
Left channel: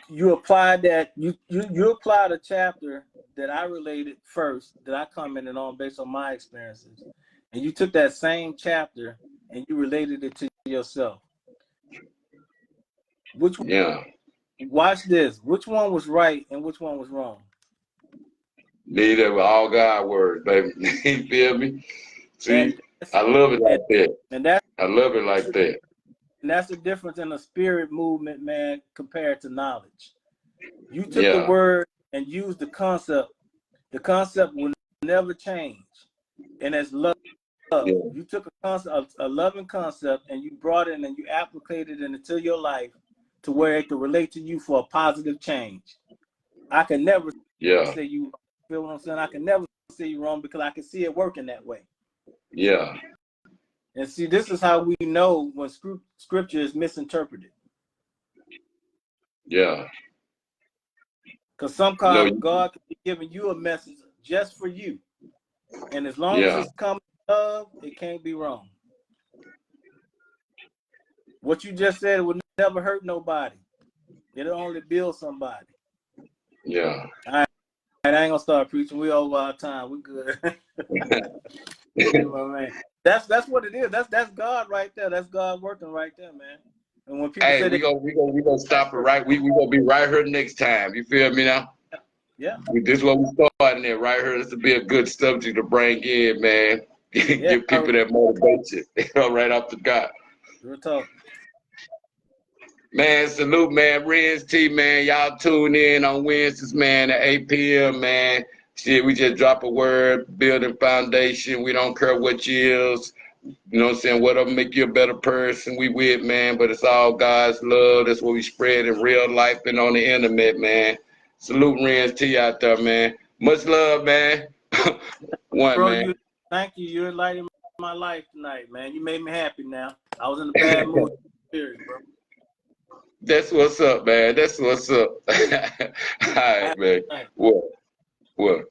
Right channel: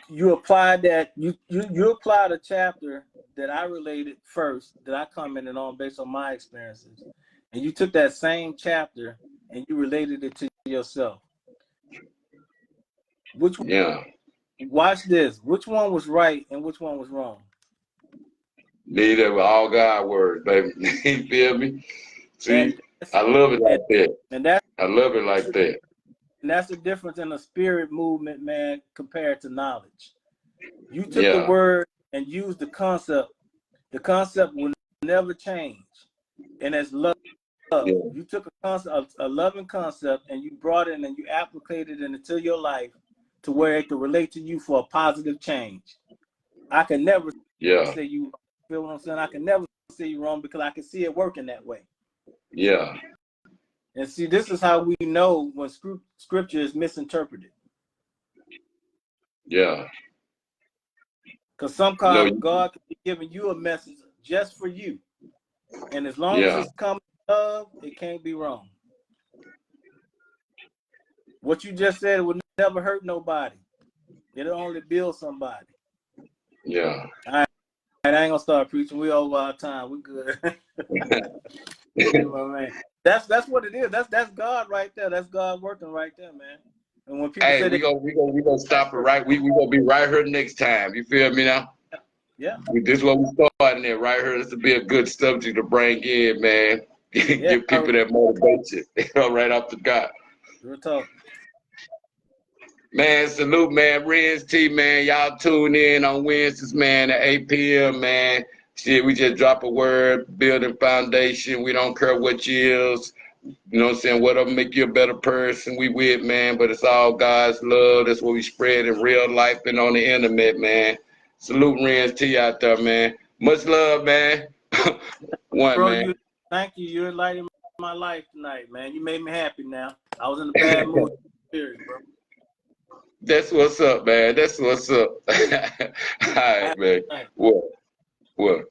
You applied that you applied a chapter that I related first, that I commented on based on my experiences, and you took that same chapter and you related it to yourself. Which Yeah. Watch this? Which one was right and which one was wrong? Neither were all God words, baby. You feel me? See, And I love it and, like that. and that's I love it like that. and that's the difference in the spirit movement, man, compared to knowledge. You took the Yeah. word and used the concept. The concept will never change, and as love. Yeah. You took a concept, a loving concept, and you brought it and you applied it into your life to where it could relate to you for a positive change. I can never Yeah. say you feel what I'm saying. I can never say you're wrong because I can see it working that way. Yeah. And see, this is how we know when scripture is misinterpreted. Yeah. Because sometimes God can be giving you a message just for you. And as long as it's coming from love, it can't be wrong. What you just said would never hurt nobody. It'll only build somebody. Yeah. All right, I ain't gonna start preaching. We over our time. We good. Man. That's what it is. That's God right there. That's God working right there, man. And when people say we gonna stop it right. We gonna be right here next time. You feel me now? Yeah. This is what we starting at right here. This will be a good subject to bring in, man. Give people that motivation right off the gut. Real talk. Man, salute, man. Renz Tee, man. Y'all tune in on Wednesdays, man, at 8 p.m., man. Shit, we just drop a word, building foundation. We don't care what you is. You know what I'm saying? Whatever make you a better person, we with, man. But it's all God's love. That's what we spread in real life and on the internet, man. Salute Renz Tee out there, man. Much love, man. One, Bro, man. Thank you. You enlightened my life tonight, man. You made me happy now. I was in a bad mood. Serious, bro. That's what's up, man. That's what's up. All right, man. What?